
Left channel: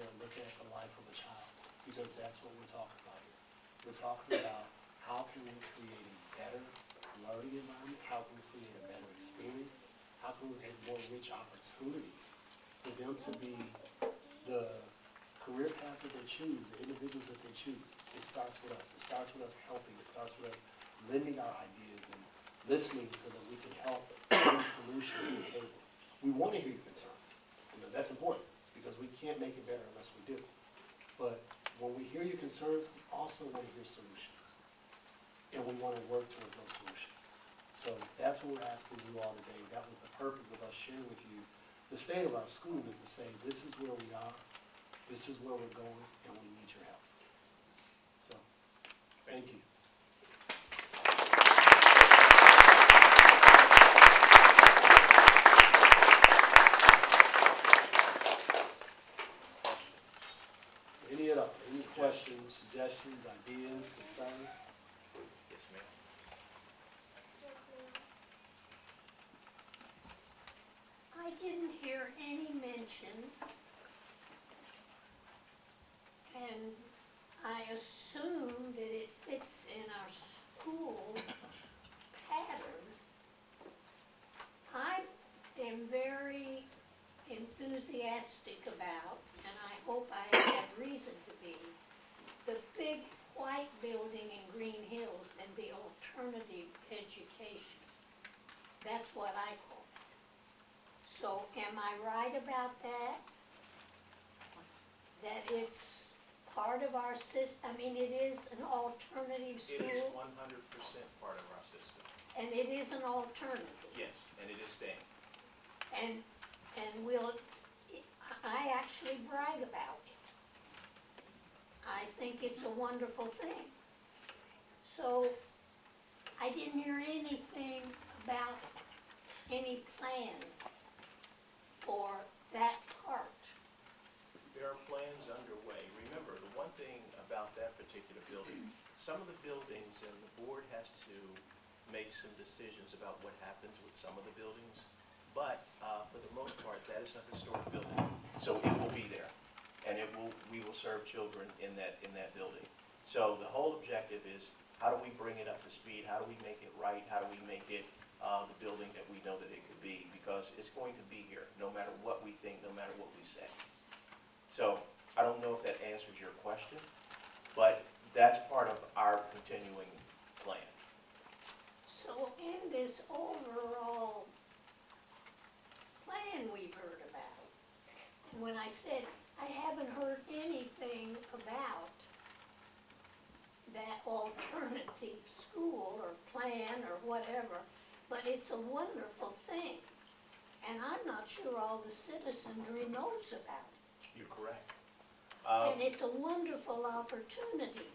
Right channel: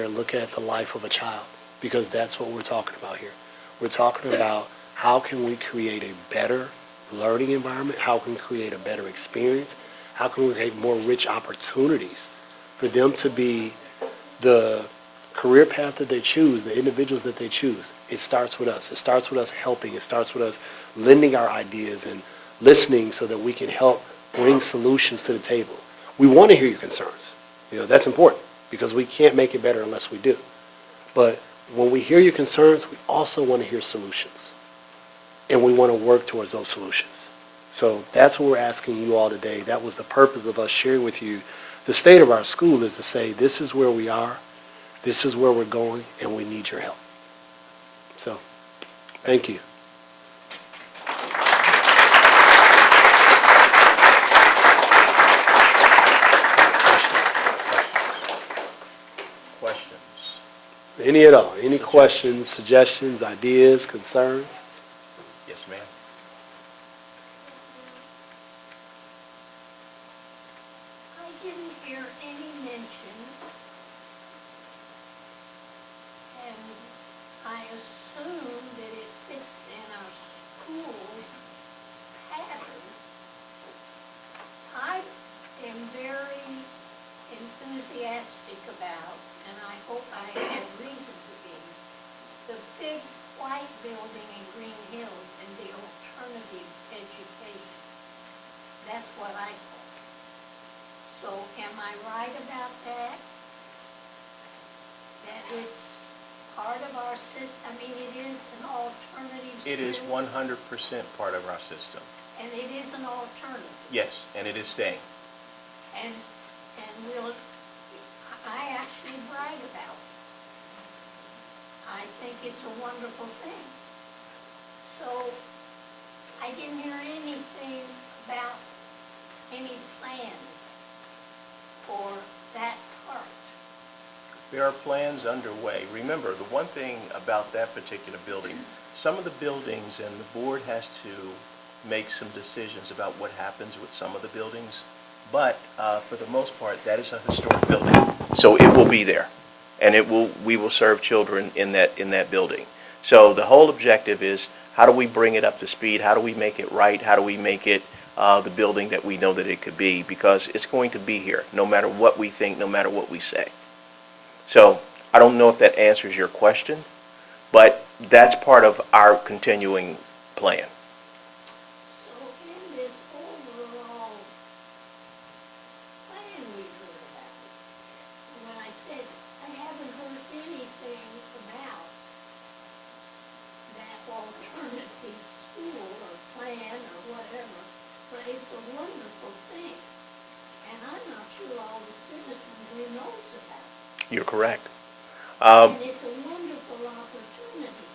and look at the life of a child, because that's what we're talking about here. We're talking about how can we create a better learning environment, how can we create a better experience, how can we create more rich opportunities for them to be the career path that they choose, the individuals that they choose. It starts with us. It starts with us helping. It starts with us lending our ideas and listening so that we can help bring solutions to the table. We want to hear your concerns. You know, that's important because we can't make it better unless we do. But when we hear your concerns, we also want to hear solutions. And we want to work towards those solutions. So that's what we're asking you all today. That was the purpose of us sharing with you the state of our school, is to say this is where we are, this is where we're going, and we need your help. So, thank you. Questions? Any at all? Any questions, suggestions, ideas, concerns? Yes, ma'am. I didn't hear any mention, and I assume that it fits in our school pattern. I am very our system, I mean, it is an alternative school? It is 100% part of our system. And it is an alternative? Yes, and it is staying. And will, I actually brag about it. I think it's a wonderful thing. So, I didn't hear anything about any plan for that part. There are plans underway. Remember, the one thing about that particular building, some of the buildings, and the board has to make some decisions about what happens with some of the buildings, but for the most part, that is a historic building. So it will be there, and we will serve children in that building. So the whole objective is, how do we bring it up to speed? How do we make it right? How do we make it the building that we know that it could be? Because it's going to be here, no matter what we think, no matter what we say. So I don't know if that answers your question, but that's part of our continuing plan. So in this overall plan we heard about, when I said I haven't heard anything about that alternative school or plan or whatever, but it's a wonderful thing. And I'm not sure all the citizenry knows about it. You're correct. And it's a wonderful opportunity.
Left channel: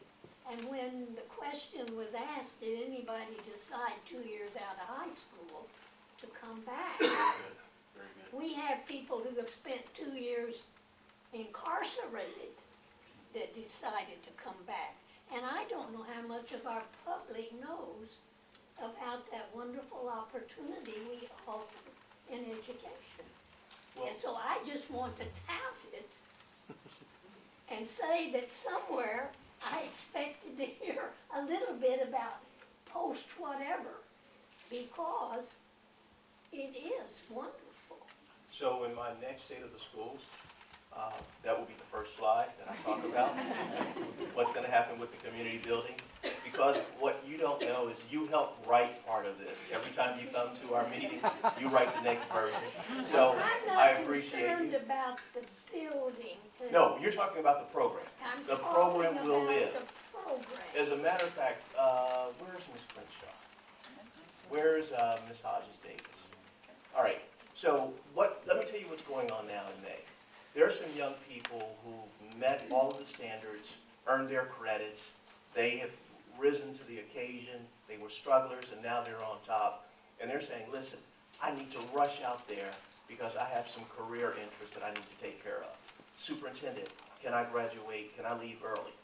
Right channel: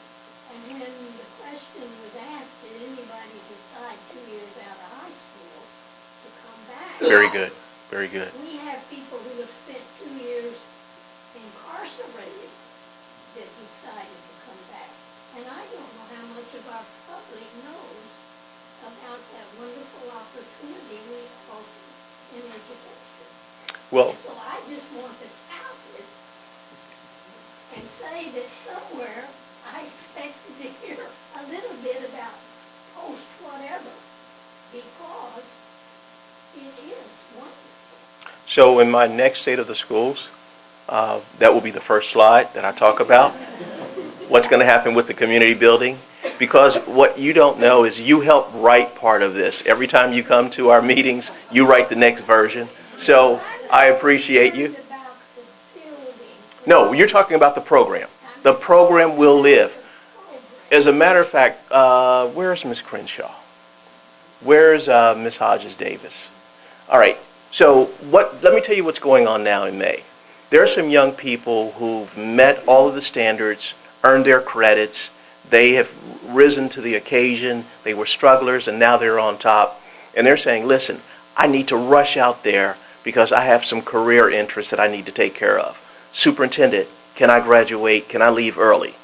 And when the question was asked, did anybody decide 2 years out of high school to come back? Very good. Very good. We have people who have spent 2 years incarcerated that decided to come back. And I don't know how much of our public knows about that wonderful opportunity we offer in education. Well, And so I just want to tout it and say that somewhere I expected to hear a little bit about post whatever, because it is wonderful. so in my next State of the Schools, that will be the first slide that I talk about. What's going to happen with the community building? Because what you don't know is you help write part of this. Every time you come to our meetings, you write the next version. So I appreciate you. About the building. No, you're talking about the program. The program will live. As a matter of fact, where's Miss Crenshaw? Where's Miss Hodges Davis? All right, so let me tell you what's going on now in May. There are some young people who've met all of the standards, earned their credits, they have risen to the occasion, they were strugglers, and now they're on top. And they're saying, listen, I need to rush out there because I have some career interests that I need to take care of. Superintendent, can I graduate? Can I leave early?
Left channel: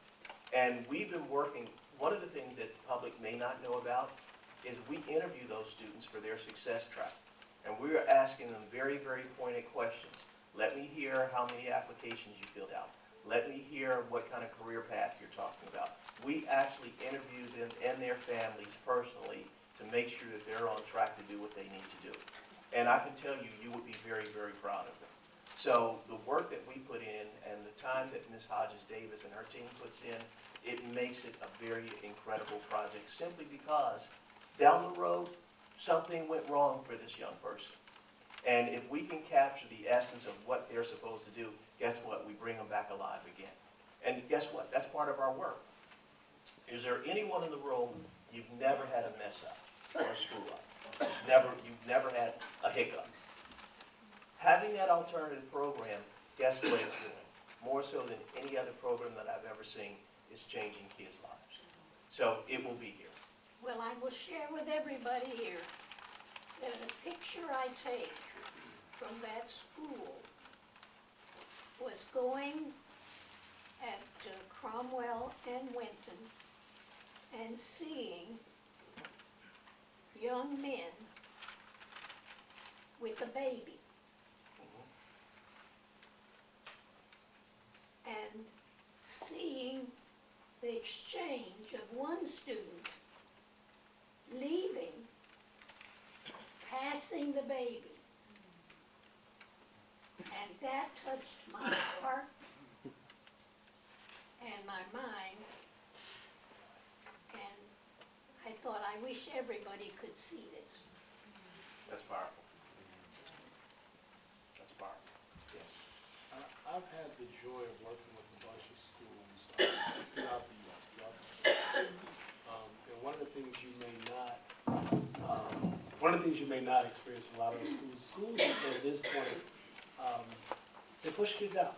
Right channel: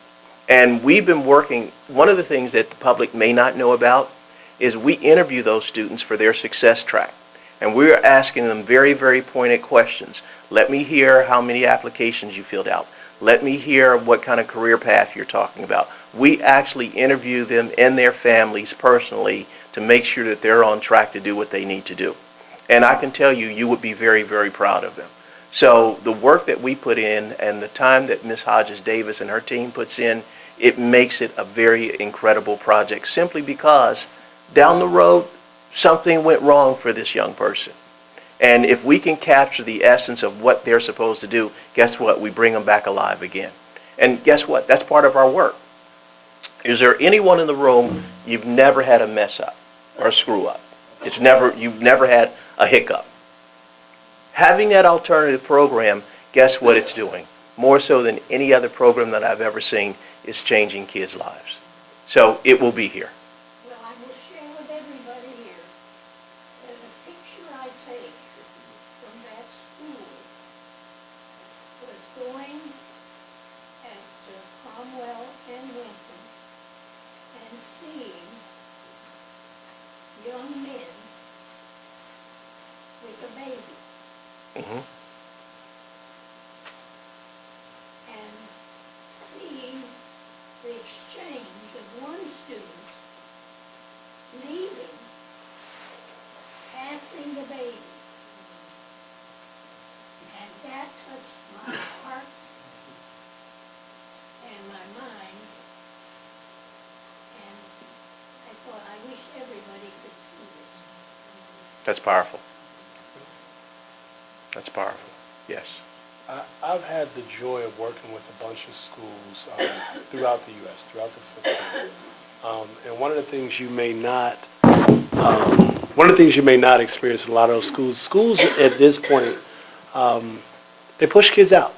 And we've been working, one of the things that the public may not know about is we interview those students for their success track. And we're asking them very, very pointed questions. Let me hear how many applications you filled out. Let me hear what kind of career path you're talking about. We actually interview them and their families personally to make sure that they're on track to do what they need to do. And I can tell you, you would be very, very proud of them. So the work that we put in and the time that Ms. Hodges Davis and her team puts in, it makes it a very incredible project simply because down the road, something went wrong for this young person. And if we can capture the essence of what they're supposed to do, guess what? We bring them back alive again. And guess what? That's part of our work. Is there anyone in the room you've never had a mess up or a screw up? You've never had a hiccup. Having that alternative program, guess what it's doing? More so than any other program that I've ever seen, it's changing kids' lives. So it will be here. Well, I will share with everybody here that a picture I take from that school was going at Cromwell and Winton and seeing young men with a baby. Mm-hmm. And seeing the exchange of one student leaving, passing the baby. And that touched my heart and my mind. And I thought, I wish everybody could see this. That's powerful. That's powerful. Yes. I've had the joy of working with a bunch of schools throughout the U.S., throughout the footprint. And one of the things you may not experience in a lot of those schools at this point, they push kids out.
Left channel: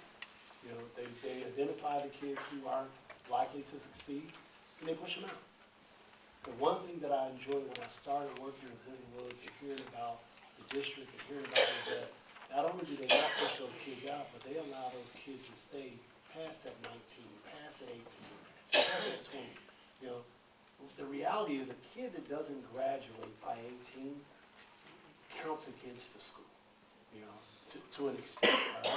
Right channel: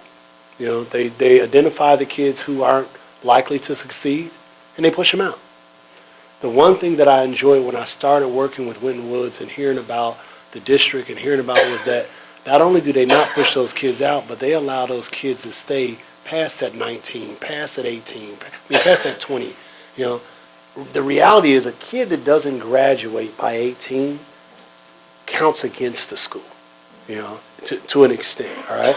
You know, they identify the kids who aren't likely to succeed, and they push them out. The one thing that I enjoyed when I started working with Winton Woods and hearing about the district and hearing about was that not only do they not push those kids out, but they allow those kids to stay past that 19, past that 18, past that 20. You know, the reality is a kid that doesn't graduate by 18 counts against the school, you know, to an extent, all right?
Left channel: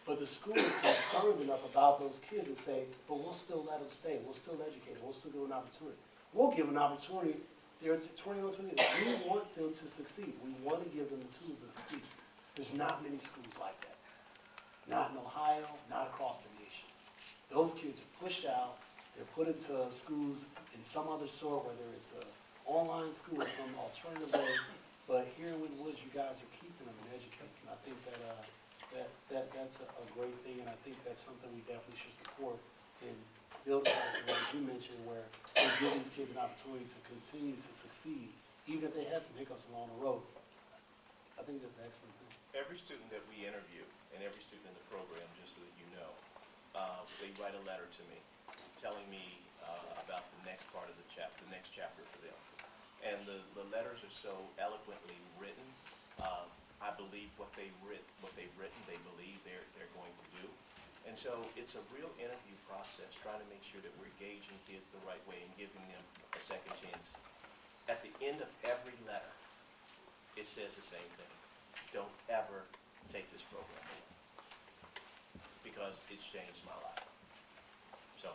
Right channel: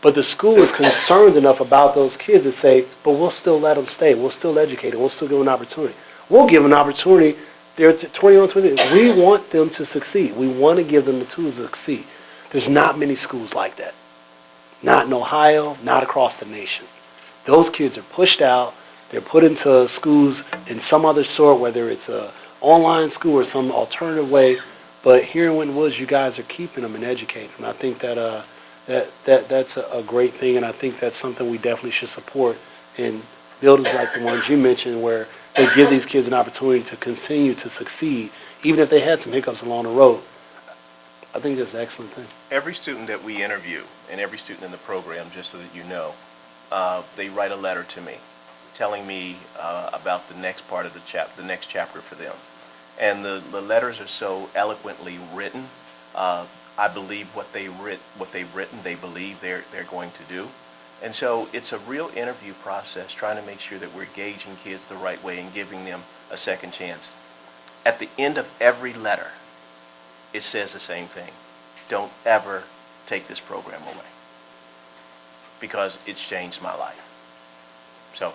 But the school is concerned enough about those kids to say, but we'll still let them stay. We'll still educate them. We'll still give them an opportunity. We'll give them an opportunity. They're 21, 22. We want them to succeed. We want to give them the tools to succeed. There's not many schools like that. Not in Ohio, not across the nation. Those kids are pushed out. They're put into schools in some other sort, whether it's an online school or some alternative way. But here in Winton Woods, you guys are keeping them and educating them. I think that's a great thing, and I think that's something we definitely should support in buildings like the ones you mentioned, where they give these kids an opportunity to continue to succeed, even if they had some hiccups along the road. I think that's an excellent thing. Every student that we interview and every student in the program, just so that you know, they write a letter to me telling me about the next part of the next chapter for them. And the letters are so eloquently written. I believe what they've written, they believe they're going to do. And so it's a real interview process, trying to make sure that we're gauging kids the right way and giving them a second chance. At the end of every letter, it says the same thing. Don't ever take this program away, because it's changed my life. So.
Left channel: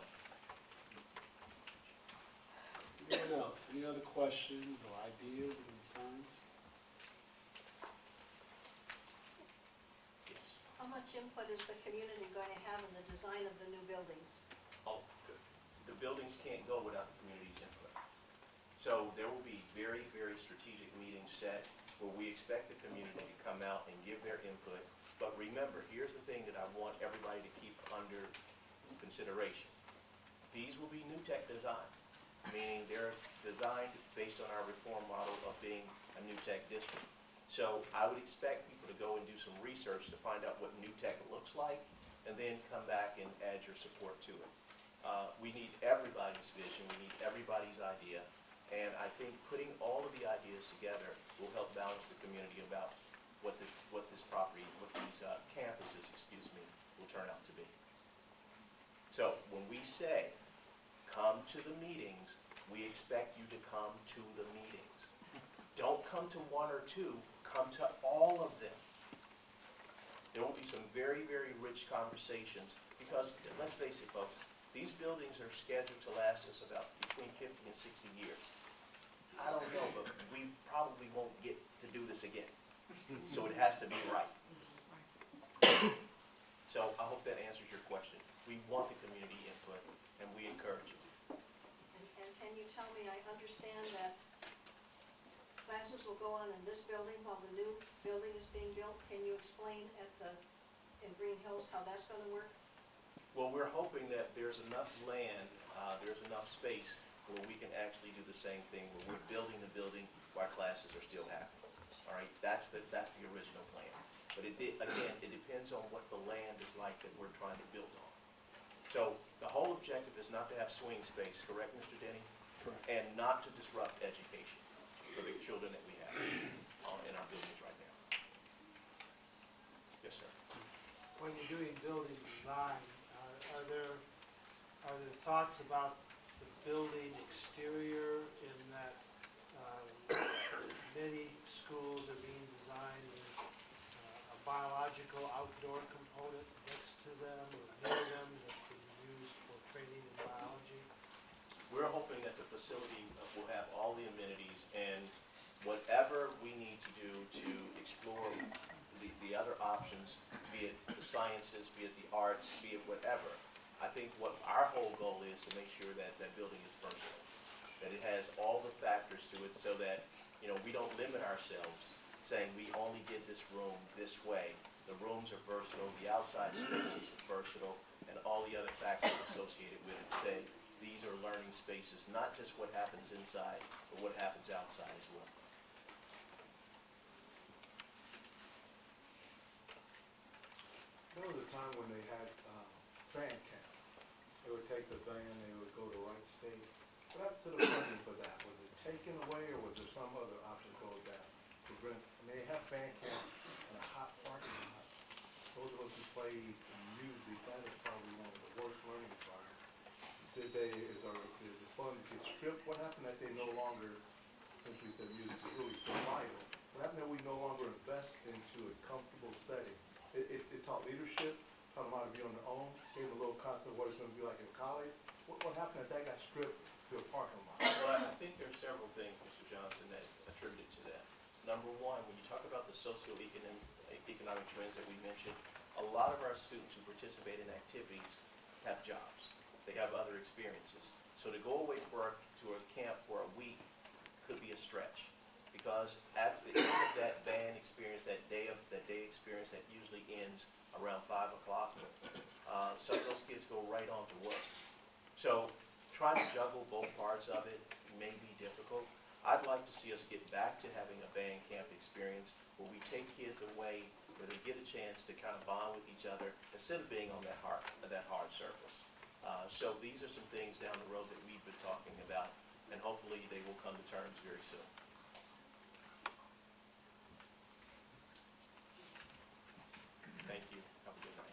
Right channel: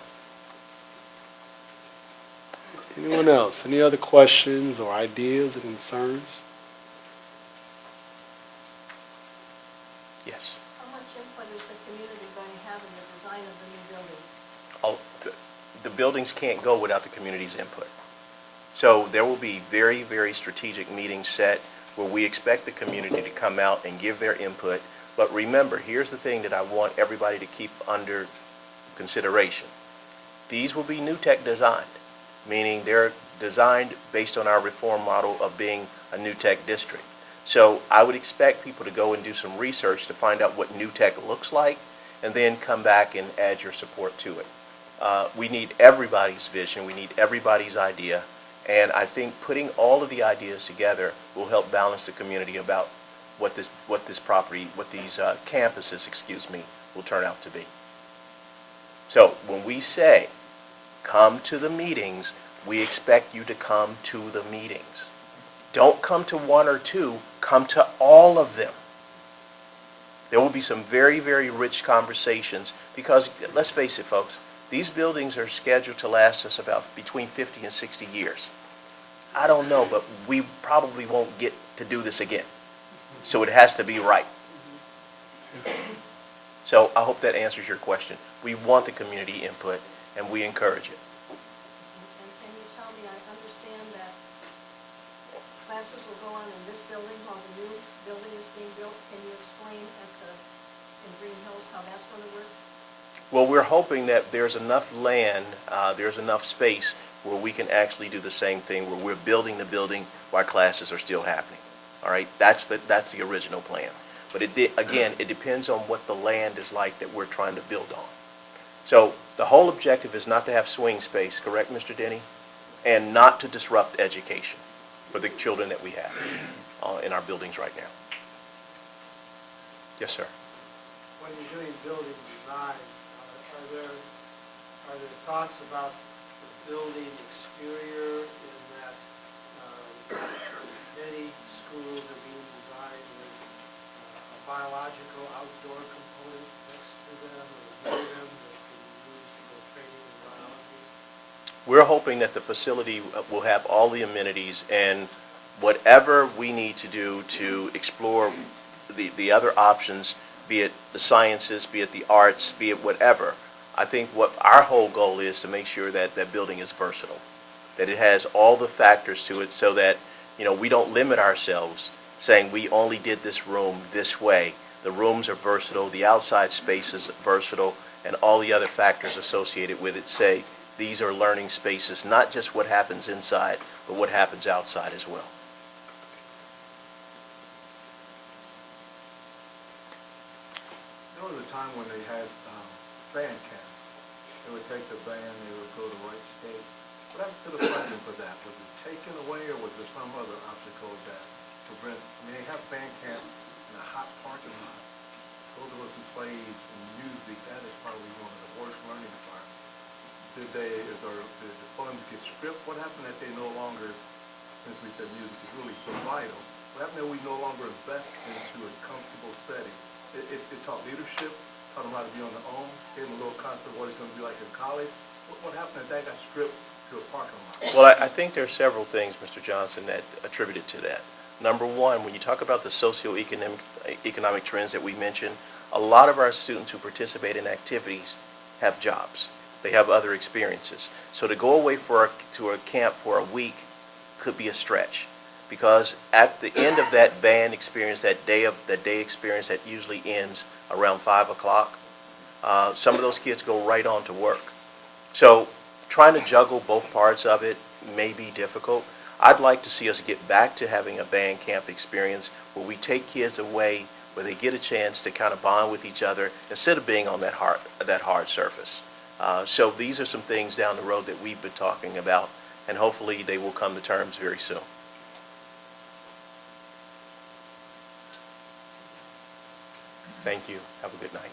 Anyone else? Any other questions or ideas or concerns? Yes. How much input is the community going to have in the design of the new buildings? Oh, the buildings can't go without the community's input. So there will be very, very strategic meetings set where we expect the community to come out and give their input. But remember, here's the thing that I want everybody to keep under consideration. These will be new tech designed, meaning they're designed based on our reform model of being a new tech district. So I would expect people to go and do some research to find out what new tech looks like, and then come back and add your support to it. We need everybody's vision. We need everybody's idea. And I think putting all of the ideas together will help balance the community about what these campuses, will turn out to be. So when we say, come to the meetings, we expect you to come to the meetings. Don't come to one or two, come to all of them. There will be some very, very rich conversations, because let's face it, folks, these buildings are scheduled to last us about between 50 and 60 years. I don't know, but we probably won't get to do this again. So it has to be right. So I hope that answers your question. We want the community input, and we encourage it. And can you tell me, I understand that classes will go on in this building while the new building is being built. Can you explain in Green Hills how that's going to work? Well, we're hoping that there's enough land, there's enough space where we can actually do the same thing, where we're building the building while classes are still happening. All right, that's the original plan. But again, it depends on what the land is like that we're trying to build on. So the whole objective is not to have swing space, correct, Mr. Denny? And not to disrupt education for the children that we have in our buildings right now. Yes, sir. When you're doing building design, are there thoughts about the building exterior in that many schools are being designed with a biological outdoor component next to them or near them that can be used for training in biology? We're hoping that the facility will have all the amenities, and whatever we need to do to explore the other options, be it the sciences, be it the arts, be it whatever. I think what our whole goal is to make sure that that building is versatile, that it has all the factors to it, so that we don't limit ourselves saying we only did this room this way, The rooms are versatile, the outside space is versatile, and all the other factors associated with it say these are learning spaces, not just what happens inside, but what happens outside as well. There was a time when they had band camp. They would take the band, they would go to Wright State. What happened to the funding for that? Was it taken away, or was there some other obstacle that prevent? I mean, they have band camp in a hot parking lot. Those of us who played in music, that is probably one of the worst learning environments. Did the funds get stripped? What happened that they no longer, since we said music is really so vital, what happened that we no longer invest into a comfortable setting? It taught leadership, taught them how to be on their own, gave them a little concept of what it's going to be like in college. What happened that got stripped to a parking lot? Well, I think there are several things, Mr. Johnson, that attributed to that. Number one, when you talk about the socioeconomic trends that we mentioned, a lot of our students who participate in activities have jobs. They have other experiences. So to go away to a camp for a week could be a stretch, because at the end of that band experience, that day experience that usually ends around 5 o'clock, some of those kids go right on to work. So trying to juggle both parts of it may be difficult. I'd like to see us get back to having a band camp experience where we take kids away, where they get a chance to kind of bond with each other instead of being on that hard surface. So these are some things down the road that we've been talking about, and hopefully they will come to terms very soon. Thank you. Have a good night.